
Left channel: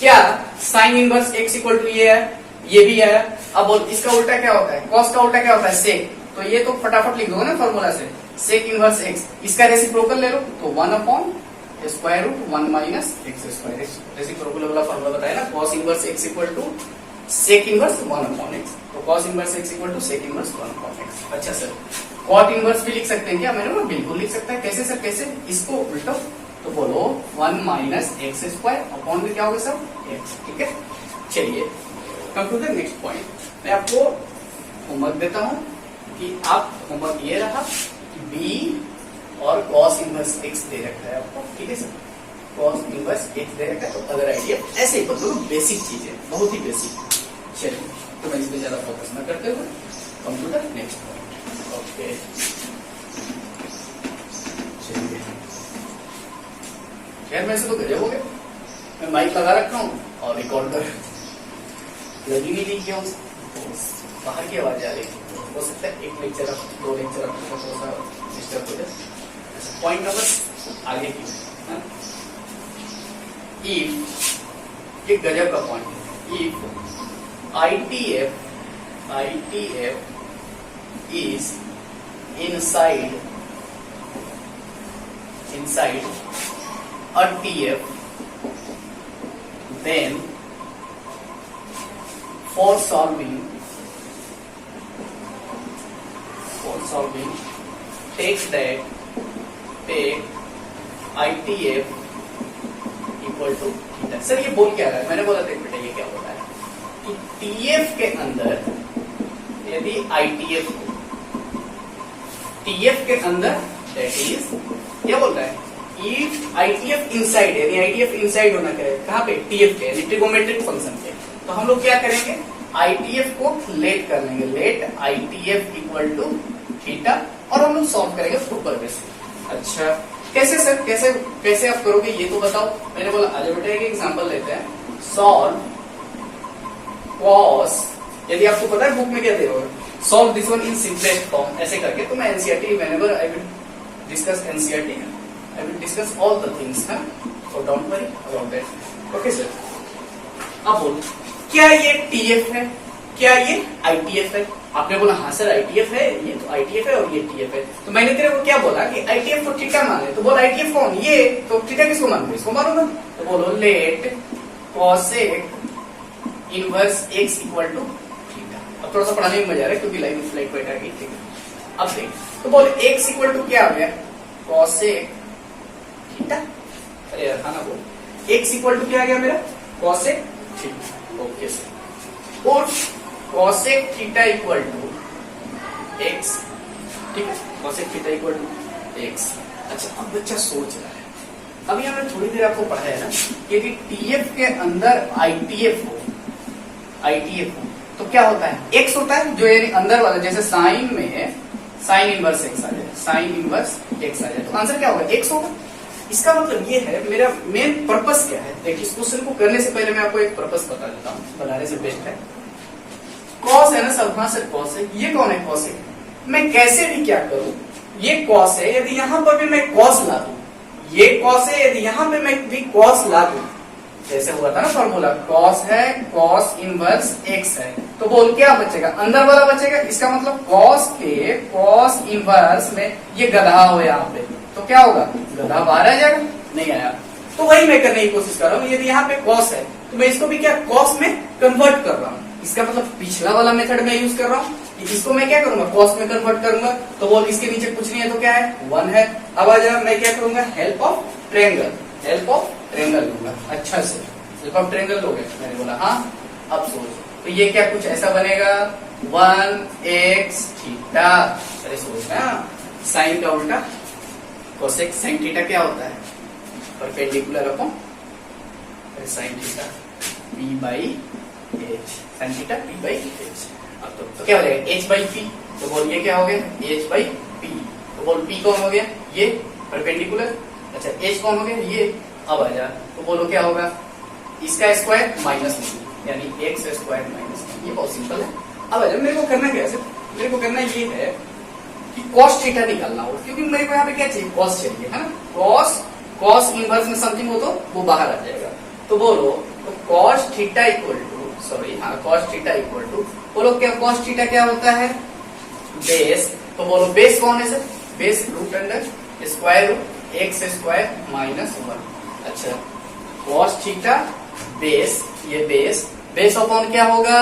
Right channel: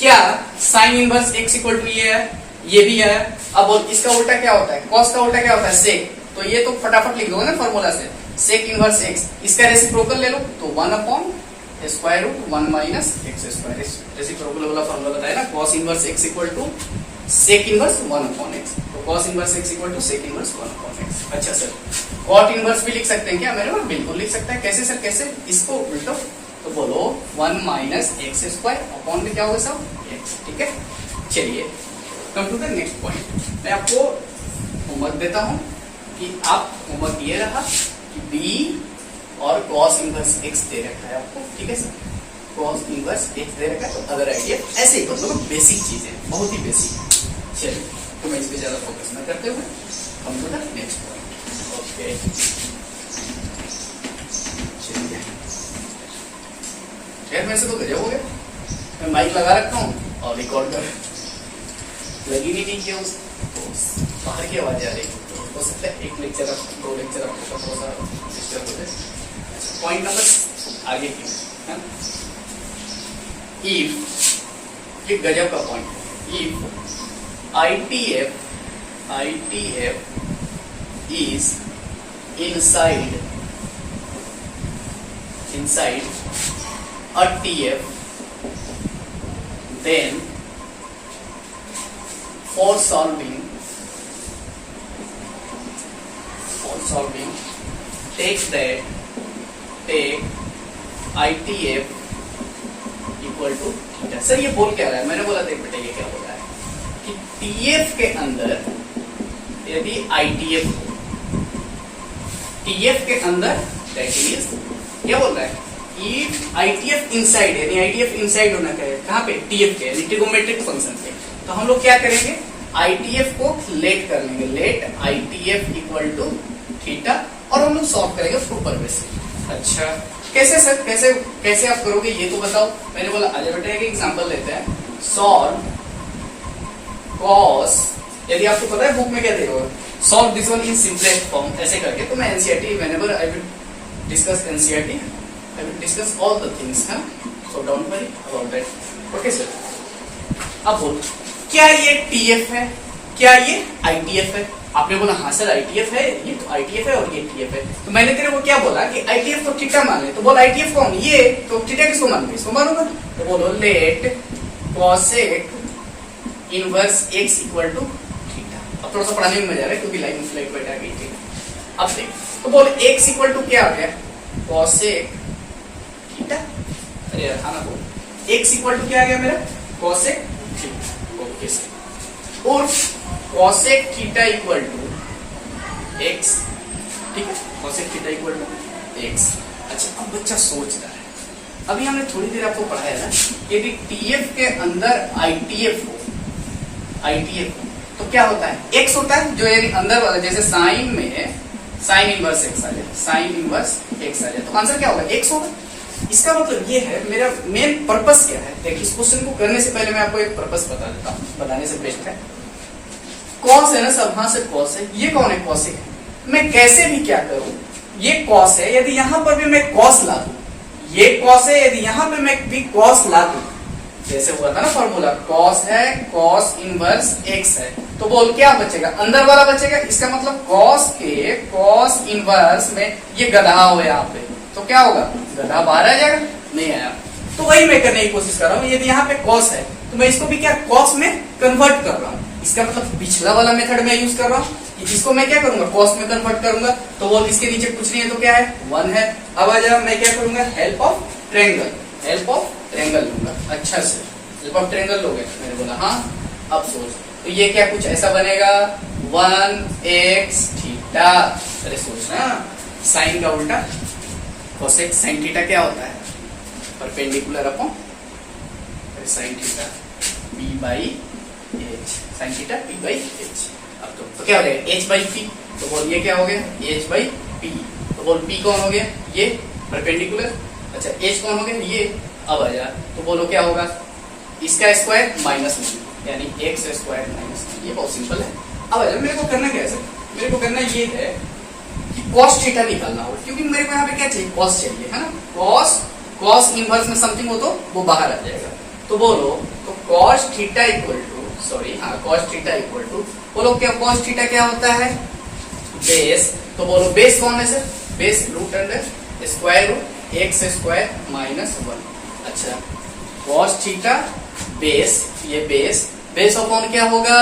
क्या sin inverse x equal to ये है, ये भी है। अब बोल इसका उल्टा क्या होता है, cos का उल्टा क्या होता है sec, तो ये तो फटाफट लिख दोगे ना फॉर्मूला से, sec इनवर्स x, इसका रेसिप्रोकल ले लो तो 1 upon square root 1 minus x square. Reciprocal वाला फॉर्मूला बताया ना, cos inverse x equal to sec inverse 1 upon x, तो cos inverse x equal to sec inverse 1 upon x। अच्छा सर cot इनवर्स भी लिख सकते हैं क्या, मैंने बोला बिल्कुल लिख सकता है। कैसे सर, कैसे, इसको उल्टा तो बोलो 1 माइनस x स्क्वायर अपॉन में क्या होगा सब x। ठीक है, चलिए come to the next point. मैं आपको होमवर्क देता हूं कि आप होमवर्क ये रहा कि b और cos इनवर्स x दे रखा है आपको। ठीक है सर, cos इनवर्स x दे रखा है, तो अगर आइडिया ऐसे ही मतलब बेसिक चीजें, बहुत ही बेसिक। चलिए तो मैं इस पे ज्यादा फोकस न करते हुए come to the next point. Okay चलिए, खैर वैसे तो गजब हो गया, मैं माइक लगा रखता हूँ और रिकॉर्ड कर लगी नहीं थी क्यों, बाहर की आवाज आ रही हो सकता है एक लेक्चर दो लेक्चर आपको थोड़ा सा डिस्टर्ब हो जाए। पॉइंट नंबर आगे की है, इफ, ये गजब का पॉइंट है, if ITF is inside a TF, then for solving take ITF equal to theta. Sir ये बोल क्या रहा है, मैंने बोला देख बेटा ये क्या बोल रहा है कि TF के अंदर यदि ITF हो, TF के अंदर दैट इज क्या बोल रहा है, if ITF इनसाइड, यानी ITF इनसाइड होना चाहिए कहाँ पे TF के, यानी ट्रिगोमेट्रिक फंक्शन पे। तो हम लोग क्या करेंगे, ITF को लेट कर लेंगे, let ITF equal to theta, और हम लोग सॉल्व करेंगे प्रॉपर वे से। अच्छा कैसे सर, कैसे आप करोगे ये तो बताओ। मैंने बोला आगे बेटा एक एग्जांपल लेते हैं, सॉल्व cos, यदि आपको पता है बुक में क्या देगा, solve this one in simplest form ऐसे करके। तो मैं NCERT whenever I will discuss NCERT I will discuss all the things ना, so don't worry about that. Okay sir, अब बोलो क्या ये टीएफ है, क्या ये आईटीएफ है। आपने बोला हाँ सर आईटीएफ है, ये तो आईटीएफ है और ये टीएफ है। तो मैंने तेरे को क्या बोला कि आईटीएफ को थीटा माने, तो बोल आईटीएफ कौन, ये तो थीटा किसको मानूंगा, इसको मानूंगा। तो बोलो let cosec inverse x equal to theta. अब थोड़ा सा पढ़ाने में मजा आ रहा है क्योंकि लाइन में फ्लाइट बैठा गई थी। अब देख तो बोल x इक्वल टू क्या आ गया, कॉसेक थीटा। अरे यार खाना बोल, x इक्वल टू क्या आ गया मेरा, कॉसेक थीटा। ओके सर, और cosec theta equal to x, ठीक है, cosec theta equal to x। अच्छा अब बच्चा सोच रहा है, अभी हमने थोड़ी देर आपको पढ़ाया ना, यदि TF के अंदर ITF हो, तो क्या होता है, x होता है, जो यानी अंदर वाला, जैसे साइन में साइन इनवर्स x आ जाए, साइन इनवर्स x आ जाए, तो आंसर क्या होगा, x होगा। इसका मतलब ये है, मेरा मेन पर्पस क्या है। देखिए इस क्वेश्चन को करने से पहले मैं आपको एक पर्पस बता देता हूँ, बताने से बेस्ट है। कॉस है ना सब, हाँ सर कॉस है, ये कौन है, कॉस है। मैं कैसे भी क्या करूं, ये कॉस है, यदि यहां पर भी मैं कॉस ला दूं, ये कॉस है, यदि यहां पे मैं भी कॉस ला दूं, जैसे हुआ था ना फॉर्मूला, कॉस है, कॉस इनवर्स x है, तो बोल क्या बचेगा, अंदर वाला बचेगा। इसका मतलब कॉस के कॉस इनवर्स में ये गधा हो यहाँ पे, तो क्या होगा, गधा बाहर आ जाएगा, नहीं आया। तो वही मैं करने की कोशिश कर रहा हूँ, यदि यहाँ पे कॉस है तो मैं इसको भी क्या कॉस में कन्वर्ट कर रहा हूँ। इसका मतलब पिछला वाला मेथड मैं यूज कर रहा हूँ, इसको मैं क्या करूंगा, कॉस में कन्वर्ट करूंगा। तो बोल इसके नीचे कुछ नहीं है तो क्या है, 1 है। अब आ जाए मैं क्या करूंगा, help of triangle, help of triangle लूंगा। अच्छा से हेल्प ऑफ ट्रायंगल लोगे, मैंने बोला हाँ। अब सोच, तो ये क्या कुछ ऐसा बनेगा, 1x थीटा। अरे सोच ना, साइन का उल्टा कोसेक, साइन थीटा क्या होता है, perpendicular upon sine theta p by h, sine theta p by h। अब तो क्या हो जाएगा h बाई p, तो बोल ये क्या हो गया h बाई p, तो बोल p कौन हो गया ये परपेंडिकुलर, अच्छा h कौन हो गया ये। अब आ जा तो बोलो क्या होगा इसका स्क्वायर माइनस में यानी x स्क्वायर माइनस, ये बहुत सिंपल है। अब आ जा मेरे को करना क्या है, मेरे को करना ये है कि cos थीटा निकालना हो, क्योंकि मेरे को यहाँ पे क्या चाहिए cos चाहिए है ना, cos इनवर्स में समथिंग हो तो वो बाहर आ जाएगा। तो बोलो तो cos theta equal to cos theta equal to बोलो क्या cos थीटा क्या होता है बेस, तो बोलो बेस कौन है sir, base root under square root x square minus 1। अच्छा cos थीटा बेस, ये बेस अपॉन क्या होगा,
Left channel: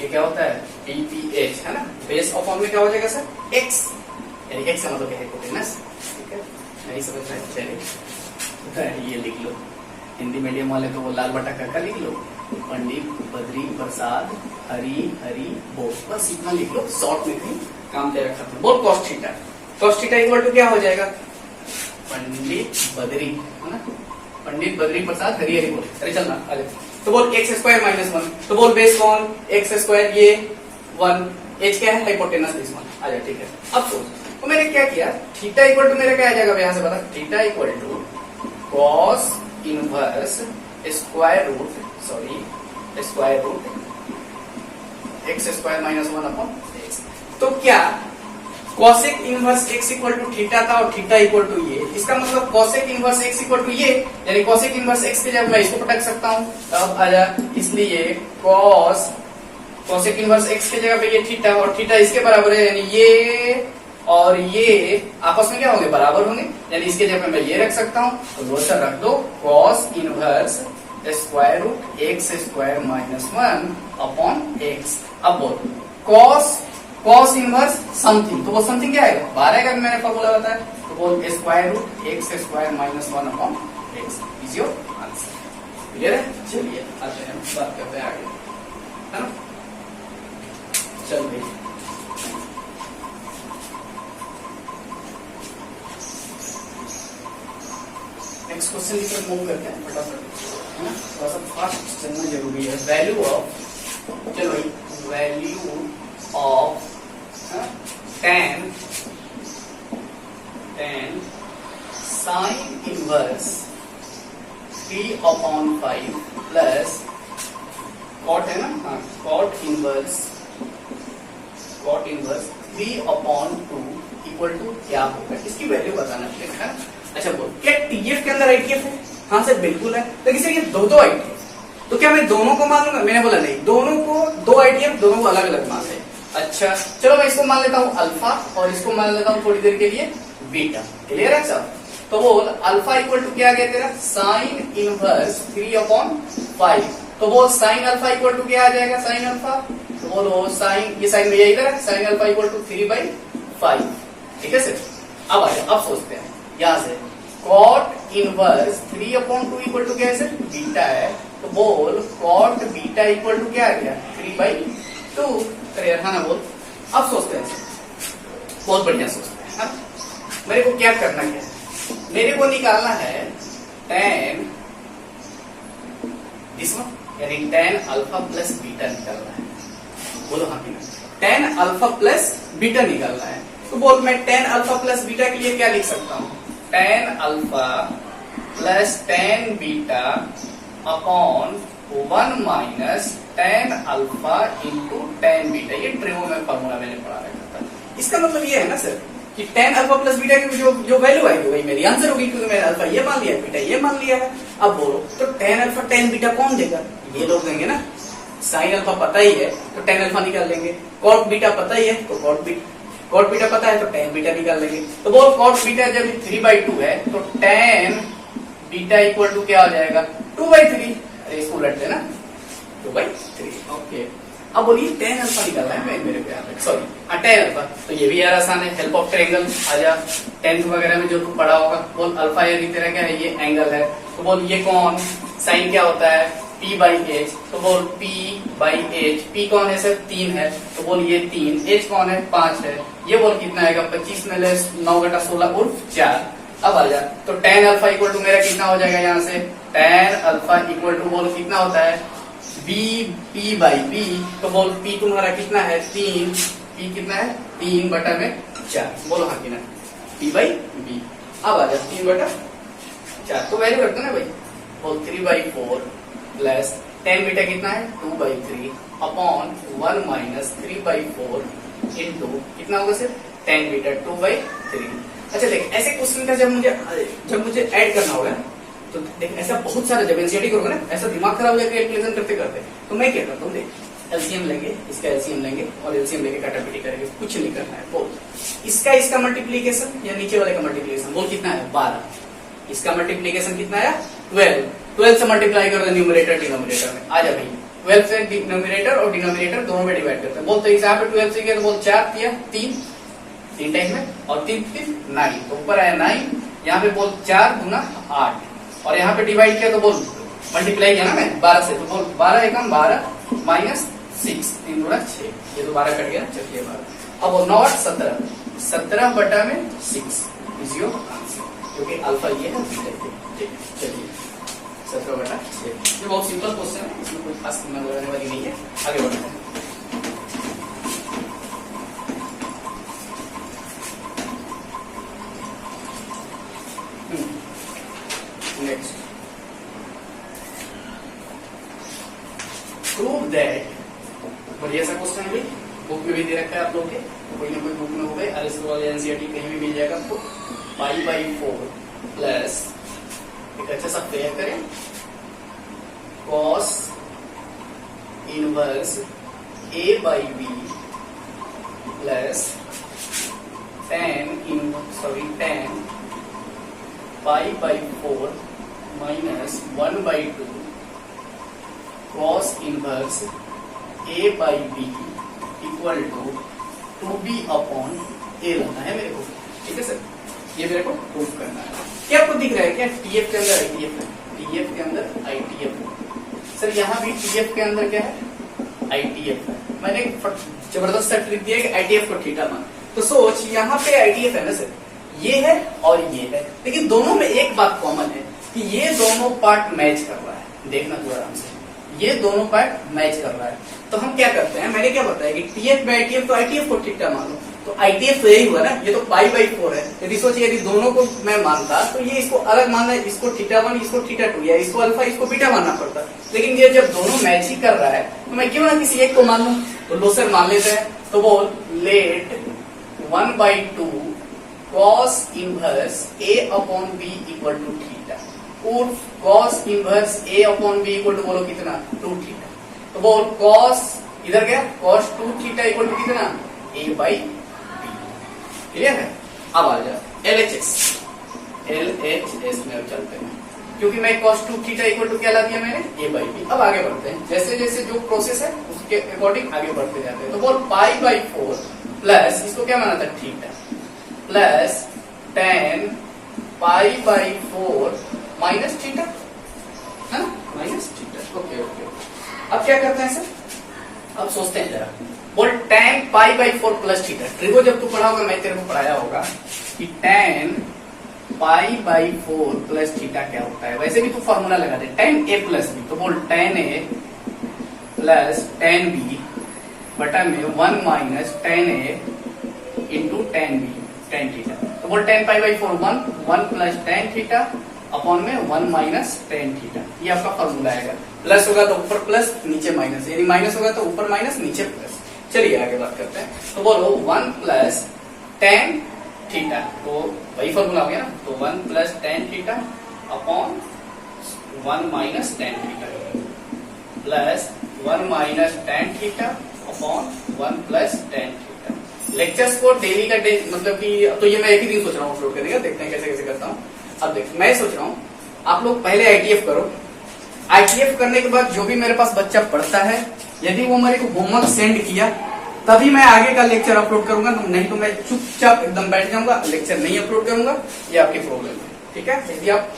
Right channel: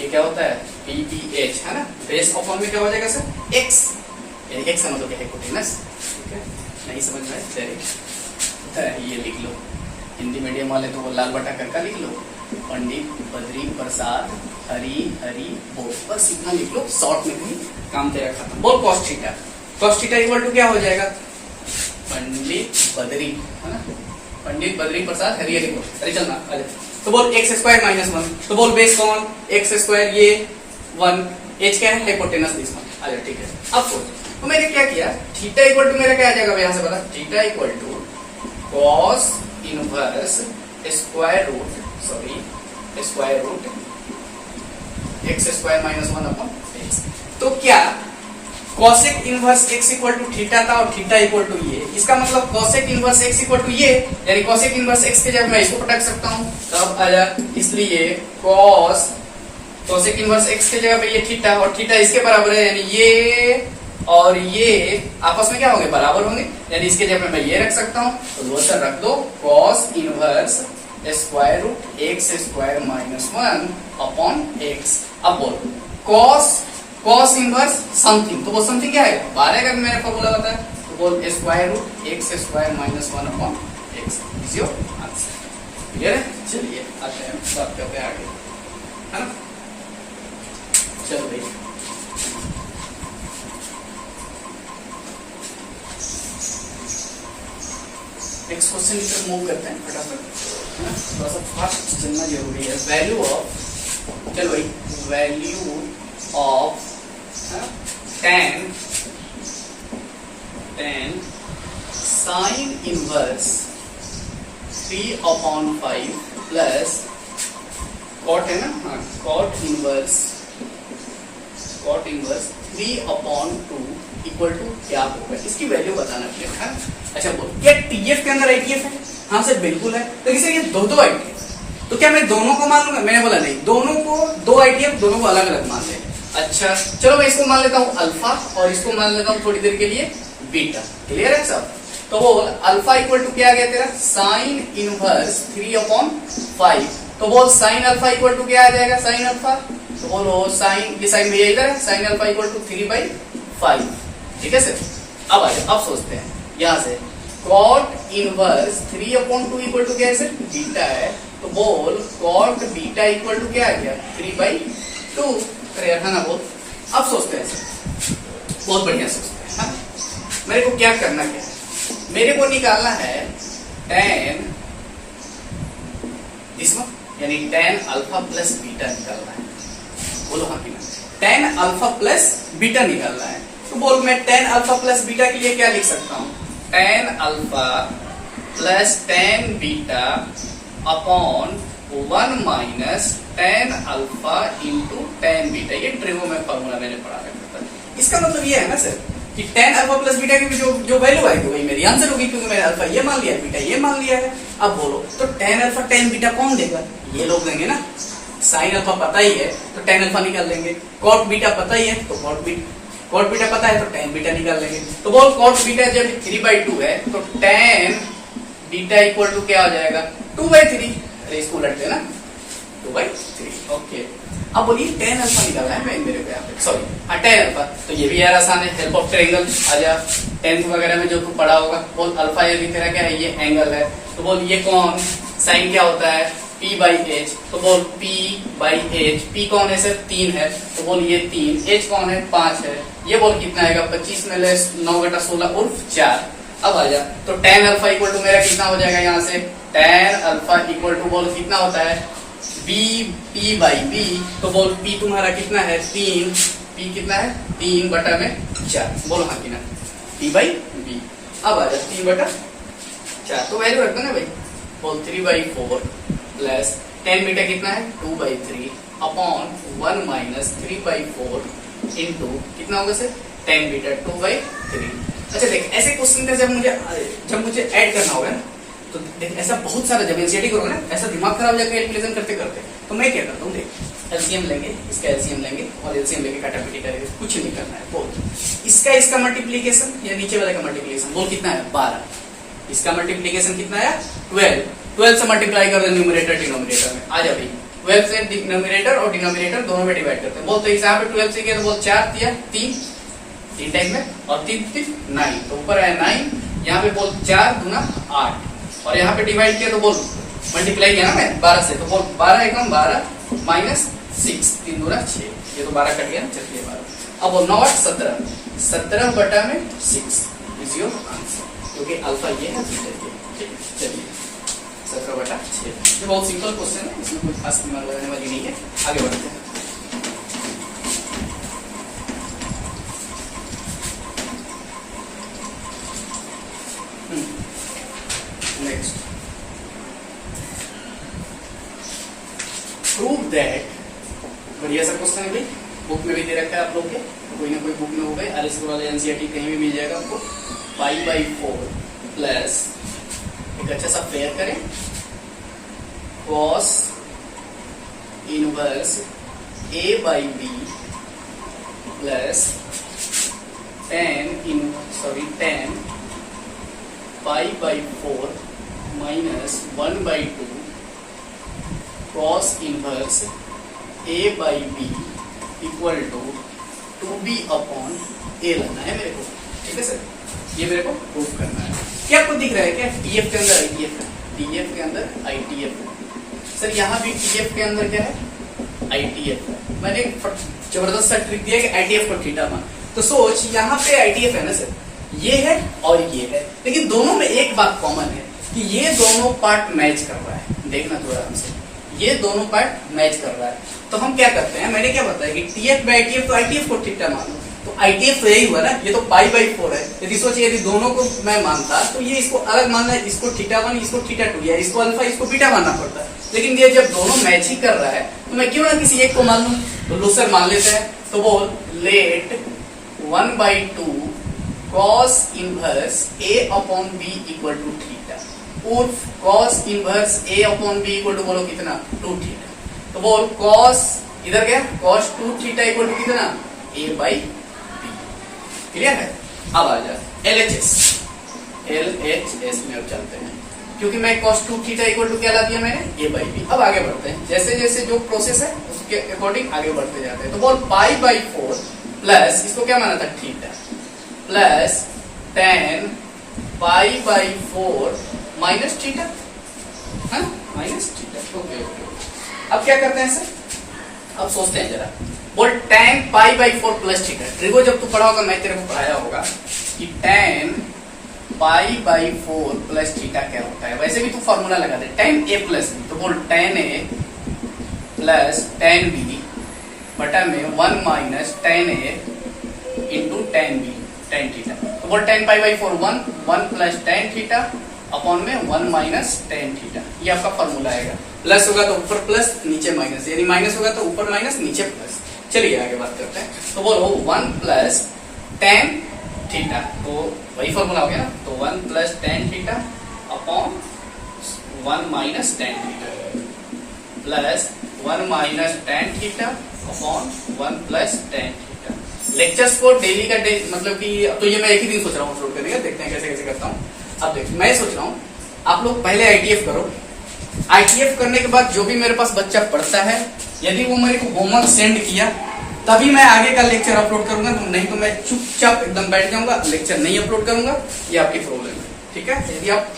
ये क्या होता है PPH है ना, बेस अपॉन में क्या हो जाएगा सर x, यानी x का मतलब क्या है हिपोटेनस, ठीक है नहीं समझ में डायरेक्ट ये लिख लो, हिंदी मीडियम वाले तो वो लाल बटा काका लिख लो, पंडित बद्री प्रसाद हरी हरी बोल, बस इतना लिख लो शॉर्ट में कहीं काम तेरा खत्म। बोल cos थीटा इक्वल टू क्या हो जाएगा पंडित बद्री है ना, पंडित बद्री प्रसाद हरी हरी बोल, अरे चलना अरे तो बोल एक्स स्क्वायर माइनस 1, तो बोल बेस कौन एक्स स्क्वायर ये 1, एच क्या है हाइपोटेनस दिस वन, आ जाए ठीक है। अब तो मैंने क्या किया थीटा इक्वल टू मेरा क्या आ जाएगा यहाँ से बता, theta equal to cos inverse square root x square minus 1 upon x. तो क्या cosec inverse x equal to theta था और थीटा इक्वल टू ये, इसका मतलब cosec inverse x equal to ये, यानी cosec इनवर्स x के जगह मैं इसको पटक सकता हूं, तब आया इसलिए cosec इनवर्स x के जगह पे ये थीटा और थीटा इसके बराबर है, यानी ये और ये आपस में क्या होंगे बराबर होंगे, यानी इसके जगह पे मैं ये रख सकता हूं, तो दोस्तों रख दो cos inverse square root x square minus 1 upon x. अब बोल cos इनवर्स समथिंग, तो वो समथिंग क्या है 12 का मैंने फॉर्मूला बताया, तो बोल square root x square minus 1 upon x is your answer. Clear है, चलिए आते हैं बात करते हैं आगे है ना, चलो भाई नेक्स्ट क्वेश्चन की तरफ मूव करते हैं फटाफट है ना, थोड़ा सा फास्ट चलना जरूरी है। वैल्यू ऑफ, चलो भाई value of tan sin inverse 3 upon 5 plus cot है ना, हाँ cot inverse 3 upon 2 equal to क्या होगा, इसकी वैल्यू बताना है ना। अच्छा बोल क्या TF के अंदर ITF है, हाँ सर बिल्कुल है, तो किसी ये दो ITF, तो क्या मैं दोनों को मान लूंगा, मैंने बोला नहीं, दोनों को दो ITF दोनों को अलग अलग मान ले। अच्छा चलो मैं इसको मान लेता हूँ अल्फा और इसको मान लेता हूँ थोड़ी देर के लिए बीटा, क्लियर है सब। तो बोल अल्फा इक्वल टू क्या आ गया तेरा साइन इनवर्स 3 अपॉन 5, तो बोल साइन अल्फा इक्वल टू क्या आ जाएगा साइन अल्फा, तो बोलो साइन ये साइन भैया इधर है, साइन अल्फा इक्वल टू 3/5, ठीक है सर। अब आइए अब सोचते हैं यहाँ से cot inverse 3 upon 2 equal to क्या है सर बीटा है, तो बोल cot बीटा इक्वल टू क्या आ गया 3/2, है ना बोल। अब सोचते हैं बहुत बढ़िया सोचते हैं, मेरे को क्या करना क्या है, मेरे को निकालना है tan इसमें यानी tan अल्फा प्लस बीटा निकालना है, बोलो हाँ कि tan अल्फा प्लस बीटा निकालना है, तो बोल मैं tan अल्फा प्लस बीटा के लिए क्या लिख सकता हूँ tan alpha plus tan beta upon 1 minus tan alpha into tan beta, ये ट्रिगो में फॉर्मूला मैंने पढ़ा रखा था। इसका मतलब ये है ना सर कि tan अल्फा प्लस बीटा की जो वैल्यू आएगी वही मेरी आंसर होगी, क्योंकि मैंने अल्फा ये मान लिया बीटा ये मान लिया है। अब बोलो तो tan अल्फा tan बीटा कौन देगा, ये लोग देंगे ना, साइन अल्फा पता ही है तो tan अल्फा निकाल लेंगे, cot बीटा पता ही है तो cot बीटा पता है तो tan बीटा निकाल लेंगे। तो बोल cot बीटा जब 3/2 है तो tan बीटा इक्वल टू क्या हो जाएगा 2/3, अरे इसको उलटते ना 2/3, ओके। अब बोलिए tan अल्फा निकालना है मेरे को यहाँ पे, सॉरी हाँ tan अल्फा, तो ये भी यार आसान है, हेल्प ऑफ ट्रायंगल आ जा, 10th वगैरह में जो तू पढ़ा होगा। बोल अल्फा यदि तेरा क्या है ये एंगल है, तो बोल ये कौन साइन क्या होता है P/H, तो बोल P/H, P कौन है सर 3 है, तो बोल ये 3, H कौन है 5 है, ये बोल कितना आएगा 25 में ले 9 घटा 16 उर्फ 4। अब आ जा, तो tan अल्फा इक्वल टू मेरा कितना हो जाएगा यहाँ से, tan अल्फा इक्वल टू बोल कितना होता है b p बाई b, तो बोल p तुम्हारा कितना है 3, p कितना है 3 बटा में 4, बोलो हाँ कि ना, p बाई b। अब आ जा 3 बटा 4, तो वैल्यू रखो ना भाई, बोल 3/4 प्लस tan बीटा कितना है 2/3 अपॉन 1 माइनस 3/4 इंटू कितना होगा सर tan बीटा 2/3। अच्छा देख, ऐसे क्वेश्चन का जब मुझे ऐड करना होगा तो देख, ऐसा बहुत सारा जब एनसीईआरटी करोगे ना, ऐसा दिमाग खराब हो जाएगा कैलकुलेशन करते करते, तो मैं क्या करता हूँ देख, एलसीएम लेंगे, इसका एलसीएम लेंगे और एलसीएम लेके काटापीटी करेंगे, कुछ नहीं करना है। बोल इसका मल्टीप्लीकेशन या नीचे वाले का मल्टीप्लीकेशन, बोल कितना है 12, इसका मल्टीप्लीकेशन कितना है 12 से मल्टीप्लाई कर दे न्यूमरेटर डिनोमिनेटर में, आ जा भाई 12 से न्यूमरेटर और डिनोमिनेटर दोनों में डिवाइड करते हैं। बोल तो इस यहाँ पे 12 से किया तो बोल 4 दिया 3 टाइम में और 3 9, तो ऊपर आया 9, यहाँ पे बोल 4 गुना 8 और यहाँ पे डिवाइड किया तो बोल मल्टीप्लाई किया ना मैं 12 से, तो बोल 12 एकम 12 माइनस 6 3 गुना 6, ये तो 12 कट गया ना, चलिए 12। अब बोल 9 8 17 बटा में 6 इज योर आंसर, क्योंकि अल्फा ये है। चलिए 17 बटा 6, ये बहुत सिंपल क्वेश्चन है, इसमें कोई खास दिमाग लगाने वाली नहीं है। आगे बढ़ते हैं। नेक्स्ट, प्रूव दैट, बढ़िया सा क्वेश्चन है भाई, बुक में भी दे रखा है आप लोग के, तो कोई ना कोई बुक में हो गए, आरएस वाले एनसीईआरटी कहीं भी मिल जाएगा आपको। π/4 प्लस एक अच्छा सा पेयर करें, cos inverse a/b plus tan π/4 minus 1/2 cos inverse a/b equal to 2b upon a लाना है मेरे को, ठीक है सर, ये मेरे को प्रूफ करना है। क्या आपको दिख रहा है क्या, टीएफ के अंदर आईटीएफ है, टीएफ के अंदर आईटीएफ है सर, यहाँ भी टीएफ के अंदर क्या है आईटीएफ है। मैंने जबरदस्त सा ट्रिक दिया कि आईटीएफ को थीटा मान, तो सोच यहाँ पे आईटीएफ है ना सर, ये है और ये है, लेकिन दोनों में एक बात कॉमन है कि ये दोनों पार्ट मैच कर रहा है, देखना तो आराम से, ये दोनों पार्ट मैच कर रहा है। तो हम क्या करते हैं, मैंने क्या बताया कि टीएफ बाई आईटीएफ, तो आईटीएफ को थीटा मानो, तो आईटीएफ तो यही हुआ ना, ये तो π/4 है। यदि सोचिए यदि दोनों को मैं मानता तो ये इसको अलग मानना है, इसको θ1 इसको θ2 या इसको अल्फा इसको बीटा मानना पड़ता, लेकिन ये जब दोनों मैच ही कर रहा है तो मैं क्यों ना किसी एक को मान लूं, तो लो सर मान लेते हैं। तो बोल let 1/2 cos inverse a upon b equal to theta, और cos inverse a upon b equal to बोलो कितना 2 थीटा, तो बोल cos इधर क्या cos 2 थीटा इक्वल टू कितना a/b, क्लियर है। अब आ जा LHS में चलते हैं, क्योंकि मैं cos 2 थीटा इक्वल टू क्या ला दिया मैंने a/b। अब आगे बढ़ते हैं, जैसे जैसे जो प्रोसेस है उसके अकॉर्डिंग आगे बढ़ते जाते हैं। तो बोल π/4 प्लस इसको क्या माना था theta plus tan π/4 minus theta, minus theta, okay okay. अब क्या करते हैं सर, अब सोचते हैं जरा, बोल tan π/4 प्लस थीटा, ट्रिगो जब तू पढ़ा होगा, मैं तेरे को पढ़ाया होगा कि tan π/4 प्लस थीटा क्या होता है, वैसे भी तू फॉर्मूला लगा दे tan a प्लस b, तो बोल tan a plus tan b बटा में 1 minus tan a into tan b tan theta, तो बोल tan π/4 1 plus tan theta upon में 1 माइनस tan थीटा, ये आपका फॉर्मूला आएगा। प्लस होगा तो ऊपर प्लस नीचे माइनस, यानी माइनस होगा तो ऊपर माइनस नीचे प्लस। चलिए आगे बात करते हैं, तो बोलो 1 प्लस tan थीटा, तो वही फॉर्मूला हो गया ना, तो 1 plus tan theta upon 1 minus tan theta plus 1 minus tan theta upon 1 plus tan theta. Lectures को डेली का मतलब कि तो ये मैं एक ही दिन सोच रहा हूँ अपलोड करने का, देखते हैं कैसे कैसे करता हूँ। अब देख मैं सोच रहा हूँ आप लोग पहले आईटीएफ करो, आईटीएफ करने के बाद जो भी मेरे पास बच्चा पढ़ता है, यदि वो मेरे को होमवर्क सेंड किया तभी मैं आगे का लेक्चर अपलोड करूंगा, तो नहीं तो मैं चुपचाप एकदम बैठ जाऊंगा, लेक्चर नहीं अपलोड करूंगा, ये आपकी प्रॉब्लम है, ठीक है। यदि आप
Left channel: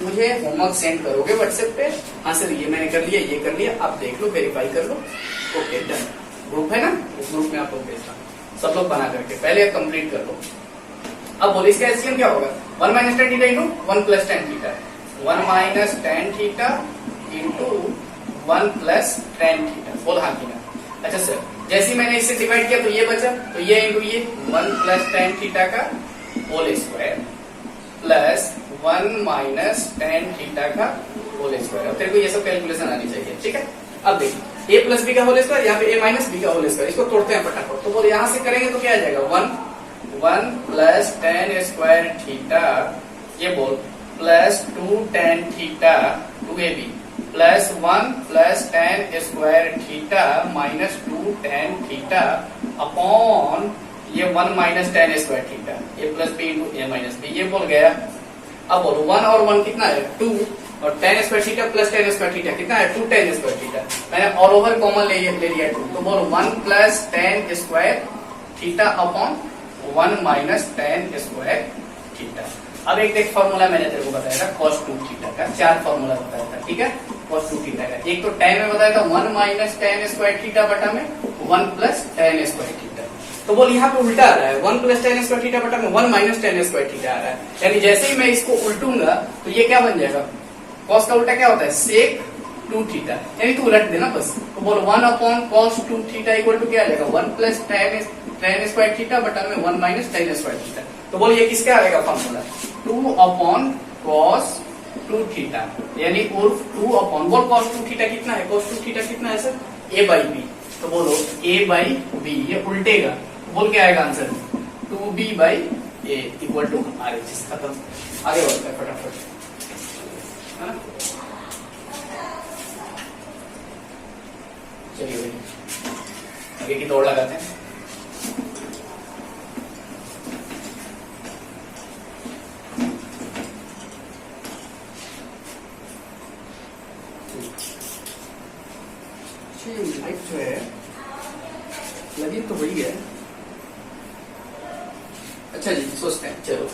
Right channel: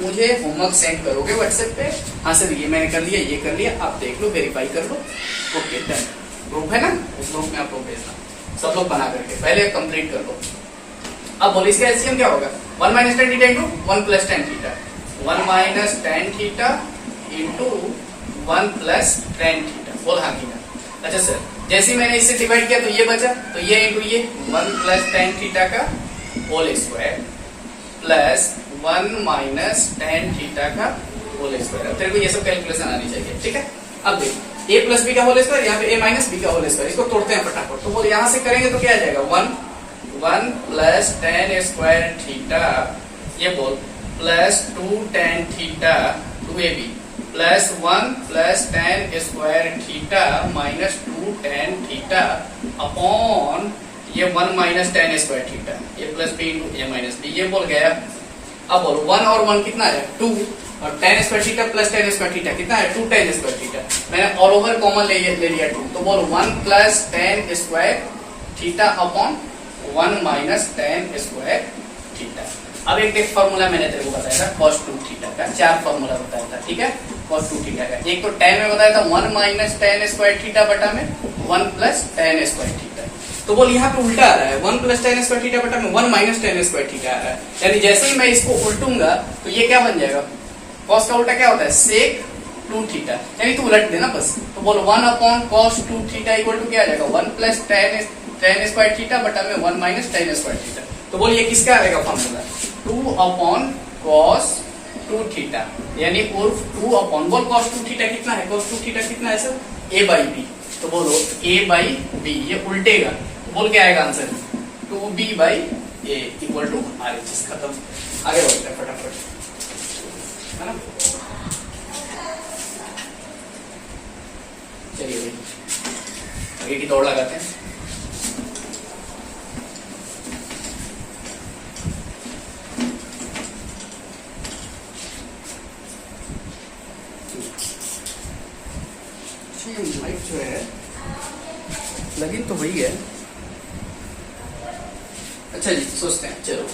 मुझे होमवर्क सेंड करोगे व्हाट्सएप पे, हाँ सर ये मैंने कर लिया, ये कर लिया, आप देख लो, वेरीफाई कर लो, ओके डन। ग्रुप है ना, उस ग्रुप में आप लोग भेजना, सब लोग बना करके पहले कंप्लीट कर लो। अब बोलो इसका एलसीएम क्या होगा, 1 minus tan theta into 1 plus tan theta, 1 minus tan theta into 1 plus tan theta. बोल हाँ की ना। अच्छा सर, जैसे ही मैंने इससे डिवाइड किया तो ये बचा, तो ये इंटू ये 1 प्लस टेन थीटा का whole square plus 1 minus tan theta का होल स्क्वायर। अब तेरे को ये सब कैलकुलेशन आनी चाहिए, ठीक है। अब देख, a प्लस बी का होल स्क्वायर, यहाँ पे a माइनस बी का होल स्क्वायर, इसको तोड़ते हैं फटाफट। तो बोले यहाँ से करेंगे तो क्या आ जाएगा, 1 प्लस टेन स्क्वायर थीटा, ये बोल plus 2 tan theta 2ab plus 1 plus ten square theta minus 2 tan theta upon ये 1 माइनस टेन स्क्वायर थीटा, ए प्लस बी इंटू ए माइनस बी। ये बोल गया। अब बोलो 1 और 1 कितना है, 2, और ten square theta plus ten square theta कितना है, 2 टेन स्क्वायर थीटा। मैंने ऑल ओवर कॉमन ले लिया 2, तो बोलो 1 plus ten square theta upon 1 minus ten square theta. अब एक फॉर्मूला मैंने तेरे को बताया था cos 2 थीटा का, 4 फॉर्मूला बताया था, ठीक है। cos 2 थीटा का एक तो tan में बताया था 1 माइनस टेन स्क्वायर थीटा बटा में 1 प्लस टेन स्क्वायर थीटा। तो बोल यहाँ पे उल्टा आ रहा है, 1 प्लस टेन स्क्वायर थीटा बटा में 1 माइनस टेन स्क्वायर थीटा आ रहा है। यानी जैसे ही मैं इसको उल्टूंगा तो ये क्या बन जाएगा, cos का उल्टा क्या होता है, sec 2 थीटा। यानी तू उलट देना बस। तो बोल 1 upon cos 2 theta equal to क्या आ जाएगा, 1 प्लस टेन स्क्वायर थीटा बटा में 1 माइनस टेन स्क्वायर थीटा। तो बोल ये किसका आएगा फॉर्मूला, 2 अपॉन cos 2 थीटा, यानी उर्फ 2 अपॉन, बोल cos 2 थीटा कितना है, cos 2 थीटा कितना है सर, a बाई बी। तो बोलो a बाई बी, ये उल्टेगा, तो बोल क्या आएगा answer, 2b by a equal to RHS। खत्म, आगे बढ़ते हैं फटाफट, है ना। चलिए भाई आगे की दौड़ लगाते हैं। माइक जो है लगी तो वही है। अच्छा जी, सोचते हैं, चलो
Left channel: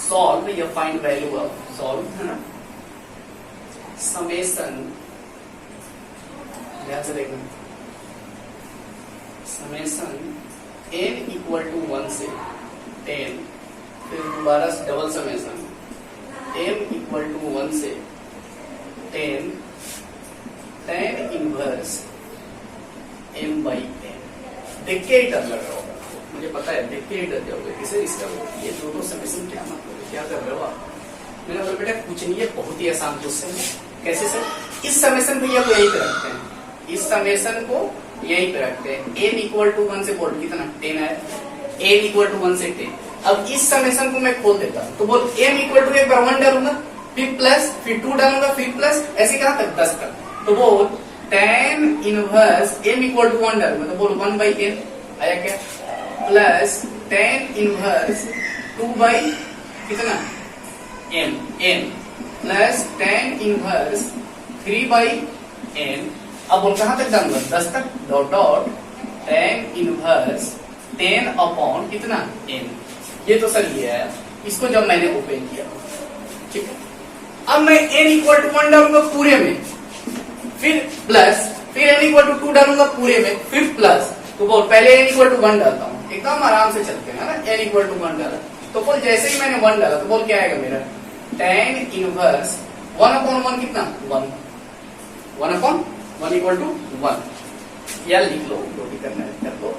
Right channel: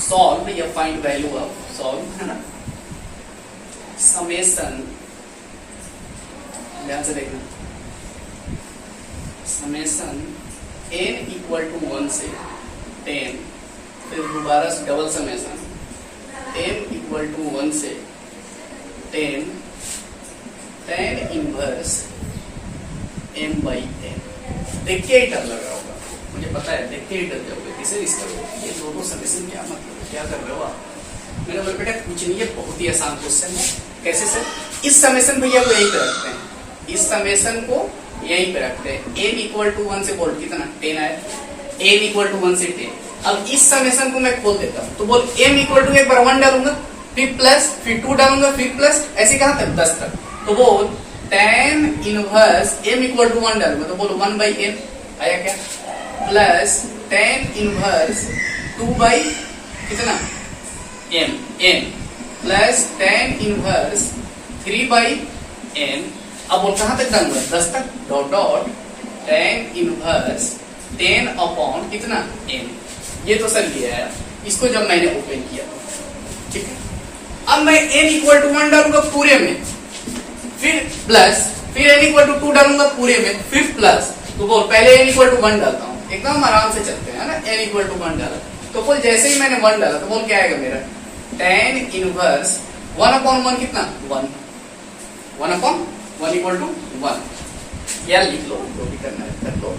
सॉल्व या फाइंड वैल्यू ऑफ, सॉल्व है ना, समेशन, ध्यान से देखना, समेशन n इक्वल टू 1 से 10, फिर दोबारा double summation m equal to 1 से 10 tan इनवर्स m बाई 10। देख के ही डर लगा होगा, मुझे पता है, देख के ही डर जाओगे, किसे रिस्क करोगे, ये दोनों समेशन क्या मतलब, क्या कर रहे हो आप। मैंने बोला बेटा कुछ नहीं है, बहुत ही आसान क्वेश्चन है। कैसे सर, इस समेशन भैया को यही पे रखते हैं, इस समेशन को यही पे रखते हैं। m इक्वल टू 1 से बोल कितना 10 आया, m इक्वल टू 1 से 10। अब इस समेशन को मैं खोल देता हूँ, तो बोल m इक्वल टू एक बार 1 डालूंगा, फिर प्लस, फिर 2 डालूंगा, फिर प्लस, ऐसे कहां तक, 10 तक। तो बोल tan inverse m equal to 1 डालूंगा, तो बोल 1 बाई n आया क्या, प्लस tan इनवर्स 2 बाई कितना n plus tan inverse 3 by n। अब बोल कहां तक डालूंगा, 10 तक, dot dot tan inverse 10 upon कितना n। ये तो सर ये है, इसको जब मैंने ओपन किया, ठीक है। अब मैं n इक्वल टू 1 डालूंगा पूरे में, फिर प्लस, फिर n इक्वल टू 2 डालूंगा पूरे में, फिर प्लस। तो बोल पहले n इक्वल टू 1 डालता हूँ, एकदम आराम से चलते हैं ना, n इक्वल टू 1 डाला, तो बोल जैसे ही मैंने 1 डाला तो बोल क्या आएगा मेरा, tan इनवर्स 1 अपॉन 1 कितना 1, 1 अपॉन 1 इक्वल टू 1, या लिख लो जो भी करना है कर दो,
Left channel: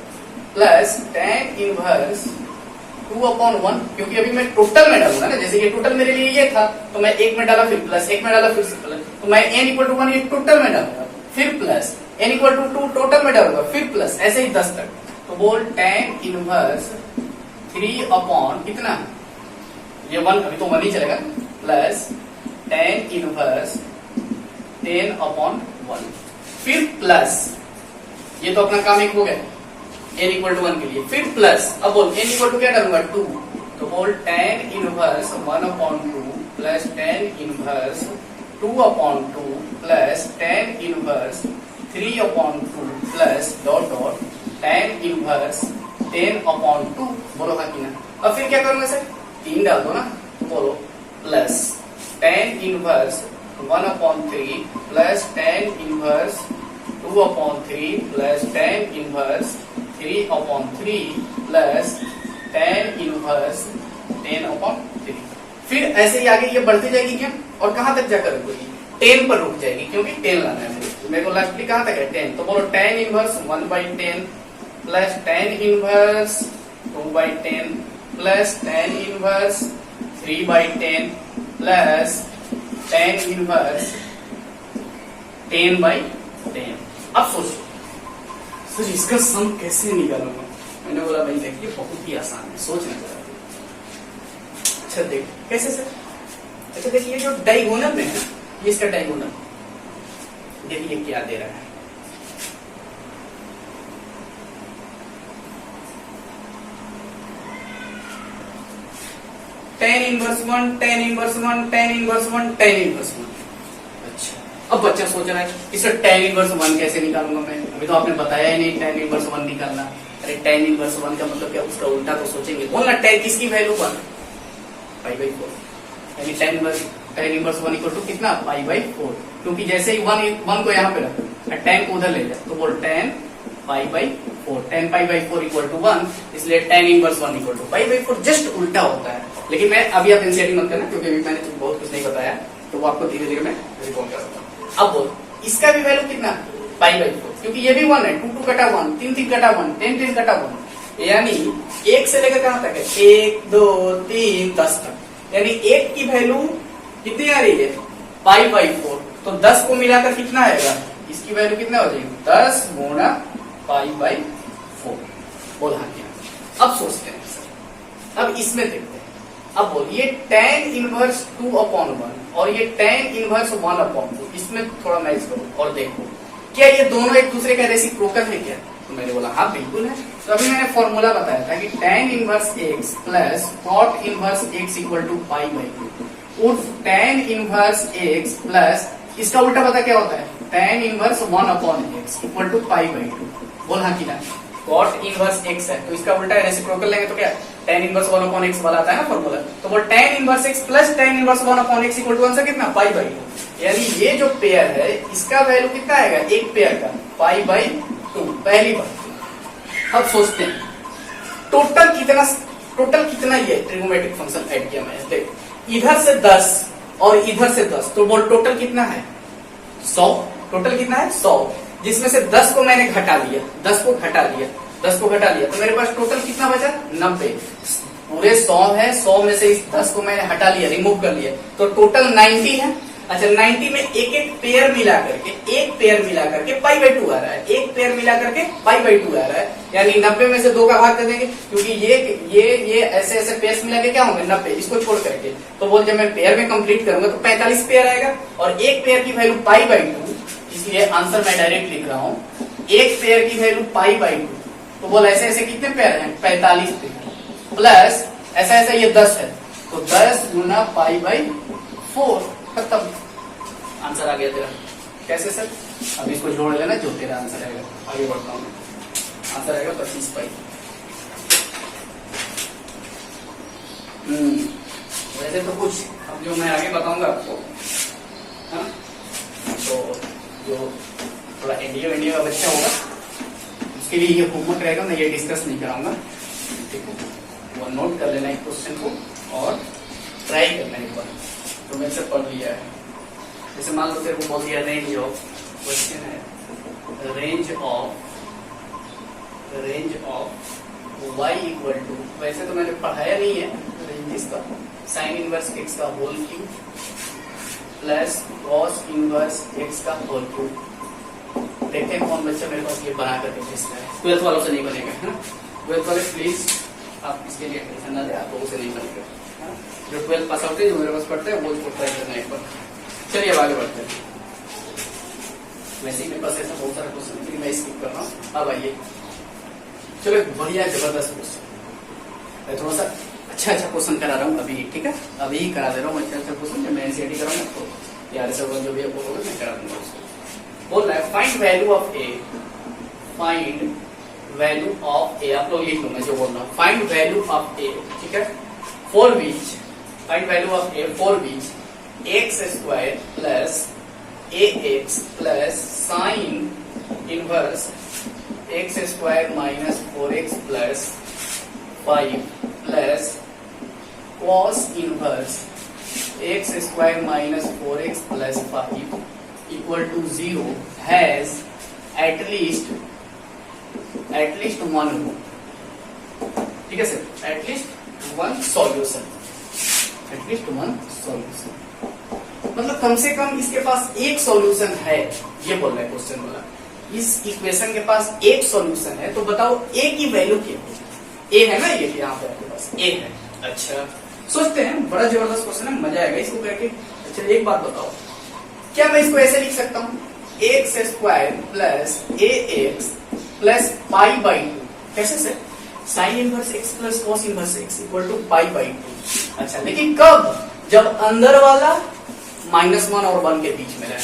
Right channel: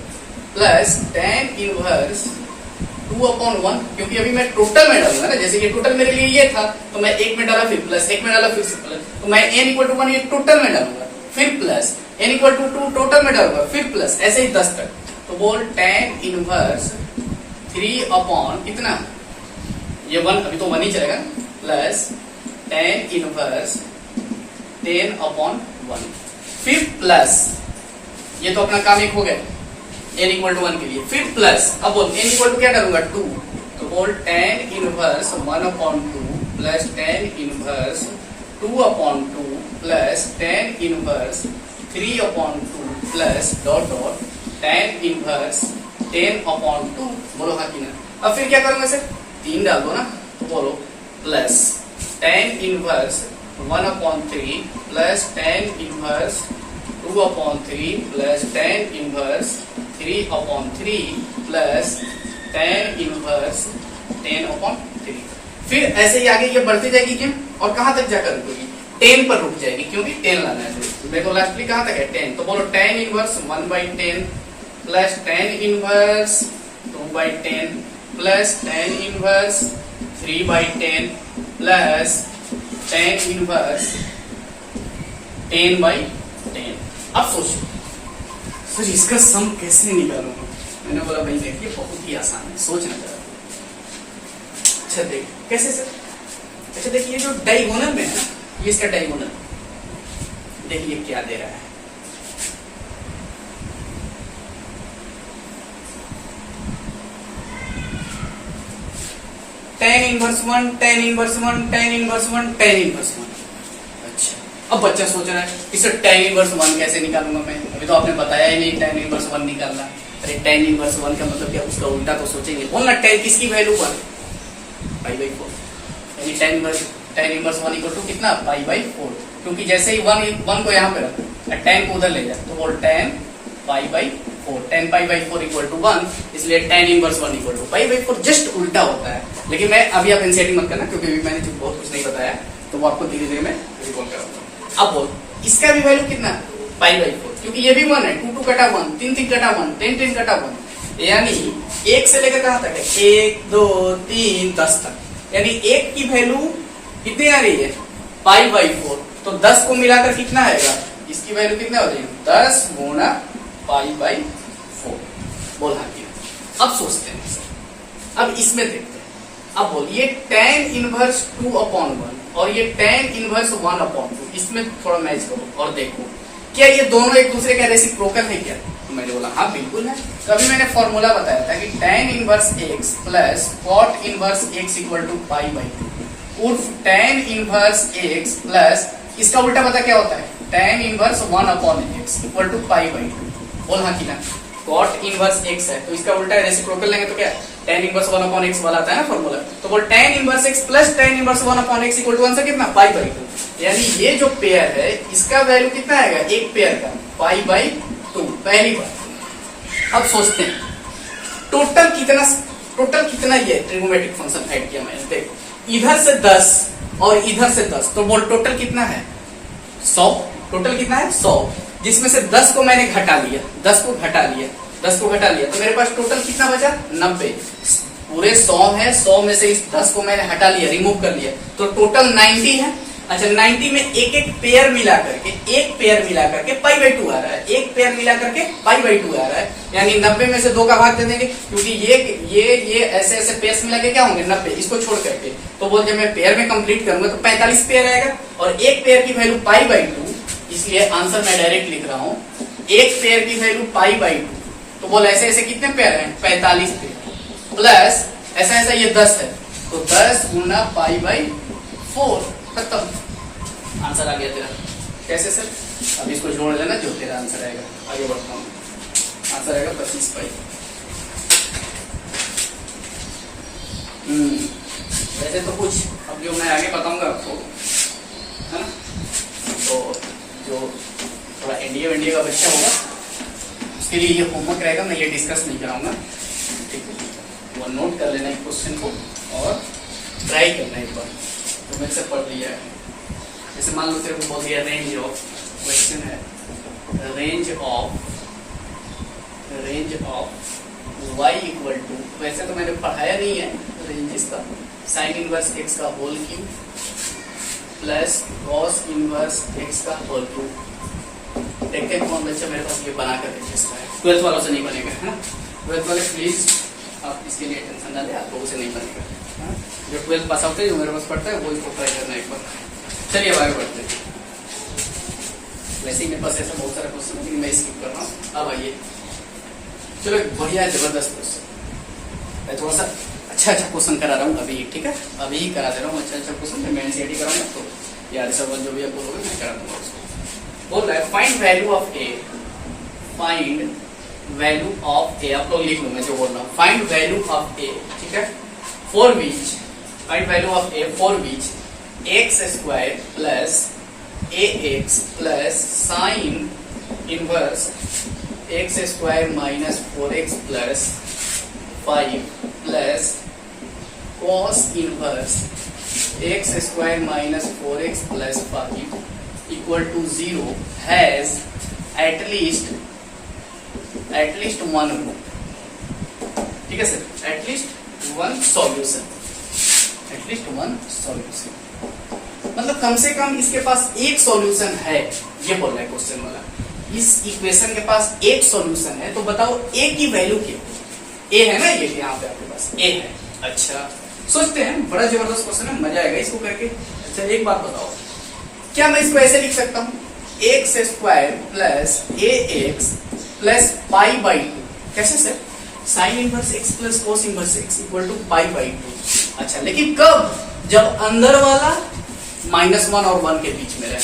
प्लस tan इनवर्स 2 अपॉन 1, क्योंकि अभी मैं टोटल में डालूंगा ना, जैसे कि टोटल मेरे लिए ये था, तो मैं एक में डाला फिर प्लस, एक में डाला फिर प्लस, तो मैं n इक्वल टू 1 ये टोटल में डालूंगा, फिर plus, n equal to 2 total में डालूंगा, फिर प्लस, ऐसे ही 10 तक। तो बोल tan इनवर्स 3 अपॉन कितना, ये 1 अभी तो 1 ही चलेगा, प्लस tan इनवर्स 10 अपॉन 1, फिर प्लस, ये तो अपना काम एक हो गया n इक्वल टू 1 के लिए, फिर प्लस। अब बोल n इक्वल टू क्या डालूंगा 2, तो बोल tan inverse 1 upon 2 plus tan inverse 2 upon 2 plus tan inverse 3 upon 2 plus dot dot tan inverse 10 upon 2। बोलो हाँ कि ना। अब फिर क्या करूंगा सर, 3 डाल दो ना, तो बोलो plus tan inverse 1 upon 3 plus tan inverse 2 upon 3 plus tan inverse 3/3 plus tan inverse 10/3। फिर ऐसे ही आगे ये बढ़ती जाएगी क्या, और कहां तक जाकर रुकेगी, 10 पर रुक जाएगी, क्योंकि 10 लाना है। तो मेरे को लास्टली कहां तक है 10, तो बोलो tan inverse 1/10 plus tan inverse 2/10 plus tan inverse 3/10 plus tan inverse 10/10। अब सोचो सर इसका सम कैसे निकालूंगा। मैंने बोला भाई देखिए बहुत ही आसान है, सोचना जरा। अच्छा देख कैसे सर, अच्छा देखिए जो डायगोनल में है ये इसका डायगोनल, देखिए क्या दे रहा है, tan inverse 1 tan inverse 1 tan inverse 1 tan inverse 1। अच्छा अब बच्चा सोच रहा है इसे tan इनवर्स 1 कैसे निकालूंगा मैं, अभी तो आपने बताया ही नहीं tan इनवर्स 1 निकालना। अरे tan इनवर्स 1 का मतलब क्या, उसका उल्टा तो सोचेंगे, बोलना tan किसकी वैल्यू 1 π/4, यानी tan इनवर्स 1 इक्वल टू कितना π/4, क्योंकि जैसे ही 1 को यहाँ पे रख tan को उधर ले जाए तो बोल tan π/4, tan π/4 इक्वल टू 1, इसलिए tan inverse 1 equal to π/4, just उल्टा होता है। लेकिन मैं अभी आप एनसीईआरटी मत करना, क्योंकि अभी मैंने बहुत कुछ नहीं बताया, तो वो आपको धीरे धीरे मैं रिकॉल कराऊंगा। अब बोल इसका भी वैल्यू कितना π/4, क्योंकि ये भी 1 है, 2 2 कटा 1, 3 3 कटा 1, 10 10 कटा 1, यानी 1 से लेकर कहां तक है 1 2 3 10 तक, यानी 1 की वैल्यू कितनी आ रही है π/4, तो 10 को मिलाकर कितना आएगा, इसकी वैल्यू कितना हो जाएगी 10 गुणा π/4। बोल हाँ की। अब सोचते हैं सर, अब इसमें देखते हैं, अब बोलिए tan इनवर्स 2/1 और ये tan इनवर्स 1/2, इसमें थोड़ा मैच करो और देखो क्या ये दोनों एक दूसरे का रेसिप्रोकल है क्या। मैंने बोला हाँ बिल्कुल है। तो अभी मैंने फॉर्मूला बताया था कि tan inverse x plus cot inverse x equal to π/2 उर्फ tan इनवर्स x प्लस इसका उल्टा पता क्या होता है tan inverse 1/x equal to π/2। बोल हाँ कि ना, cot इनवर्स x है तो इसका उल्टा रेसिप्रोकल लेंगे तो क्या tan इनवर्स 1/x वाला आता है ना फॉर्मूला, तो बोल tan inverse x plus tan inverse 1/x equal to answer कितना π/2, यानी ये जो पेयर है इसका वैल्यू कितना आएगा एक पेयर का π/2, पहली बात। अब सोचते हैं टोटल कितना ये ट्रिगोनोमेट्रिक फंक्शन ऐड किया मैंने, देख इधर से 10 और इधर से 10, तो बोल टोटल कितना है 100, टोटल कितना है 100, जिसमें से 10 को मैंने घटा लिया, 10 को घटा लिया तो मेरे पास टोटल कितना बचा 90, पूरे 100 है, 100 में से इस 10 को मैंने हटा लिया, रिमूव कर लिया, तो टोटल 90 है। अच्छा 90 में एक पेयर मिला करके π/2 आ रहा है, एक पेयर मिला करके π/2 आ रहा है, यानी 90 में से 2 का भाग दे देंगे, क्योंकि ये ऐसे पेयर्स मिला के क्या होंगे 90, इसको छोड़ करके, तो बोल जब मैं पेयर में कंप्लीट करूंगा तो 45 पेयर आएगा, और एक पेयर की वैल्यू π/2, इसलिए आंसर मैं डायरेक्ट लिख रहा हूँ, एक पेयर की वैल्यू π/2, तो बोल ऐसे कितने पेयर हैं 45 पेयर, प्लस ऐसा ये 10 है, तो 10 गुना π/4, खत्म, आंसर आ गया तेरा। कैसे सर, अब इसको जोड़ लेना जो तेरा आंसर आएगा। आगे बढ़ता हूँ, आंसर आएगा 25 π। वैसे तो कुछ अब जो मैं आगे बताऊंगा आपको है ना, तो जो थोड़ा एनडीए का बच्चा होगा उसके लिए ये होमवर्क रहेगा, मैं ये डिस्कस नहीं कराऊंगा, ठीक है, वो नोट कर लेना एक क्वेश्चन को और ट्राई करना एक बार, तो मेरे से पढ़ लिया है। जैसे मान लो तेरे को बोल दिया रेंज ऑफ, क्वेश्चन है range of y equal to, वैसे तो मैंने पढ़ाया नहीं है रेंज इसका, साइन इनवर्स x का whole cube plus cos inverse x का होल क्यूब। देखते हैं कौन बच्चा मेरे पास ये बना कर देखिए, 12th वालों से नहीं बनेगा है ना, 12th वाले प्लीज आप इसके लिए टेंशन ना ले, आप लोगों से नहीं बनेगा, जो 12th पास आउट है जो मेरे पास पढ़ता है वो इसको ट्राई करना एक बार। चलिए अब आगे बढ़ते हैं, वैसे ही मेरे पास ऐसा बहुत सारा क्वेश्चन है लेकिन मैं स्किप कर रहा हूँ। अब आइए, चलो एक बढ़िया जबरदस्त क्वेश्चन, मैं थोड़ा सा अच्छा क्वेश्चन करा रहा हूँ अभी, ठीक है, अभी ही करा दे रहा हूँ अच्छा क्वेश्चन, जब मैं एनसीईआरटी कराऊंगा तो यार सब जो भी बोलोगे मैं करा दूंगा उसको। बोल रहा है find value of A, find value of A, आप लोग लिख लो मैं जो बोल रहा हूँ, फाइंड वैल्यू ऑफ ए, ठीक है, for which, find value of a for which x² plus ax plus sine inverse x square minus 4x plus 5 plus cos inverse x square minus 4x plus 5 equal to 0 has at least one root. ठीक है sir, at least one solution, मतलब कम से कम इसके पास एक solution है, ये बोल रहे हैं क्वेश्चन वाला। इस इक्वेशन के पास एक सॉल्यूशन है, तो बताओ ए की वैल्यू क्या है? ए है ना, ये यहाँ पे आपके पास ए है। अच्छा सोचते हैं, बड़ा जबरदस्त क्वेश्चन है, मजा आएगा इसको करके। अच्छा एक बात बताओ, क्या मैं इसको ऐसे लिख सकता हूँ, x square plus a x plus pi by 2? कैसे sir? Sine inverse x plus cos inverse x equal to pi by 2। अच्छा लेकिन कब? जब अंदर वाला -1 और 1 के बीच में रहे।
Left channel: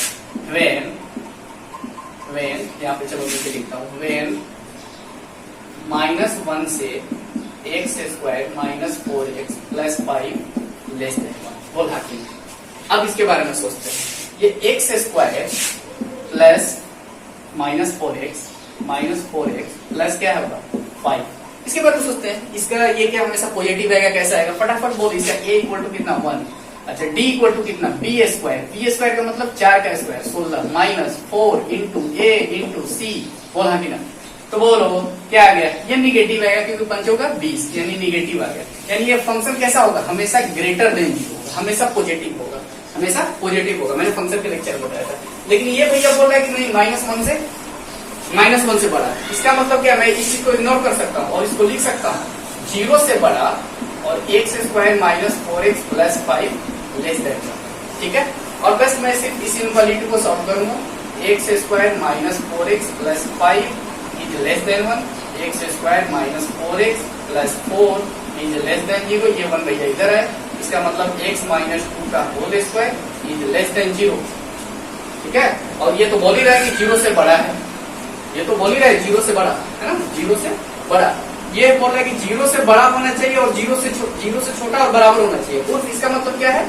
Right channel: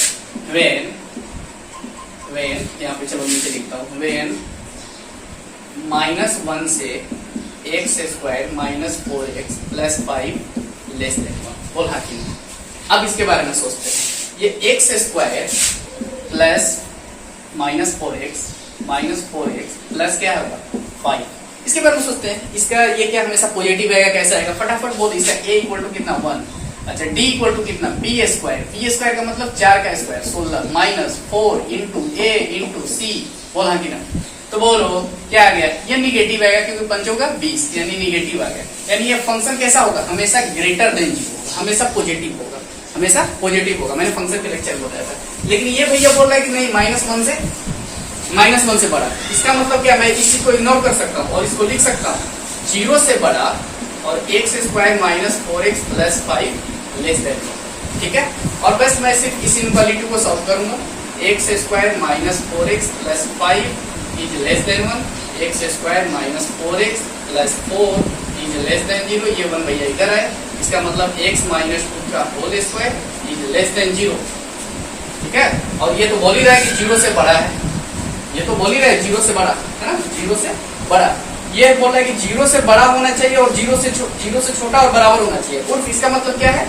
वेन यहाँ पे चलो नीचे लिखता हूँ, वेन -1 से x square minus 4x plus 5 less than 1। बोल हाँ कि नहीं? अब इसके बारे में सोचते हैं, ये x square plus -4x plus क्या होगा 5, इसके बारे में सोचते हैं। इसका ये क्या हमेशा पॉजिटिव आएगा, कैसा आएगा? फटाफट बोल। इसका a इक्वल टू कितना 1। अच्छा d इक्वल टू कितना b स्क्वायर का मतलब 4 का square 16 minus 4 into a into c। बोल हाँ कि ना? तो बोलो क्या आ गया? ये निगेटिव आएगा क्योंकि पंच होगा 20, यानी निगेटिव आ गया। यानी ये फंक्शन कैसा होगा? हमेशा ग्रेटर देन 0, हमेशा पॉजिटिव होगा, हमेशा पॉजिटिव होगा। मैंने फंक्शन के लेक्चर बताया था। लेकिन ये भैया बोल रहा है कि नहीं, -1 से बड़ा है। इसका मतलब क्या? मैं इस चीज को इग्नोर कर सकता हूँ और इसको लिख सकता हूँ 0 से बड़ा और x square minus 4x plus 5 less than 1। ठीक है, और बस मैं सिर्फ इस इनक्वालिटी को सॉल्व करूंगा। X square minus 4x plus 5 is less then 1, x square minus 4x plus 4 is less than 0। ये 1 भैया इधर है, इसका मतलब x माइनस 2 का whole square is less than 0। ठीक है, और ये तो बोल ही रहा है कि 0 से बड़ा है, ये तो बोल ही रहा है 0 से बड़ा है ना, 0 से बड़ा। ये बोल रहा है कि 0 से बड़ा होना चाहिए और 0 से छोटा और बराबर होना चाहिए। और इसका मतलब क्या है?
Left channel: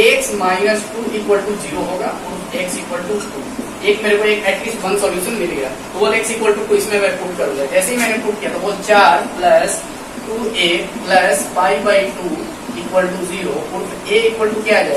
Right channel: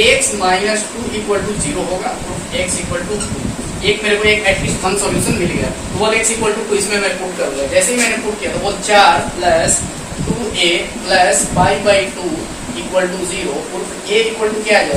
x माइनस 2 इक्वल टू 0 होगा, x इक्वल टू 2। एक मेरे को एक एटलीस्ट वन सॉल्यूशन मिल गया। तो बोल x इक्वल टू 2 इसमें मैं पुट करूंगा। जैसे ही मैंने पुट किया तो बोल 4 plus 2a plus pi by 2 equal to 0। a equal to क्या आ जाएगा?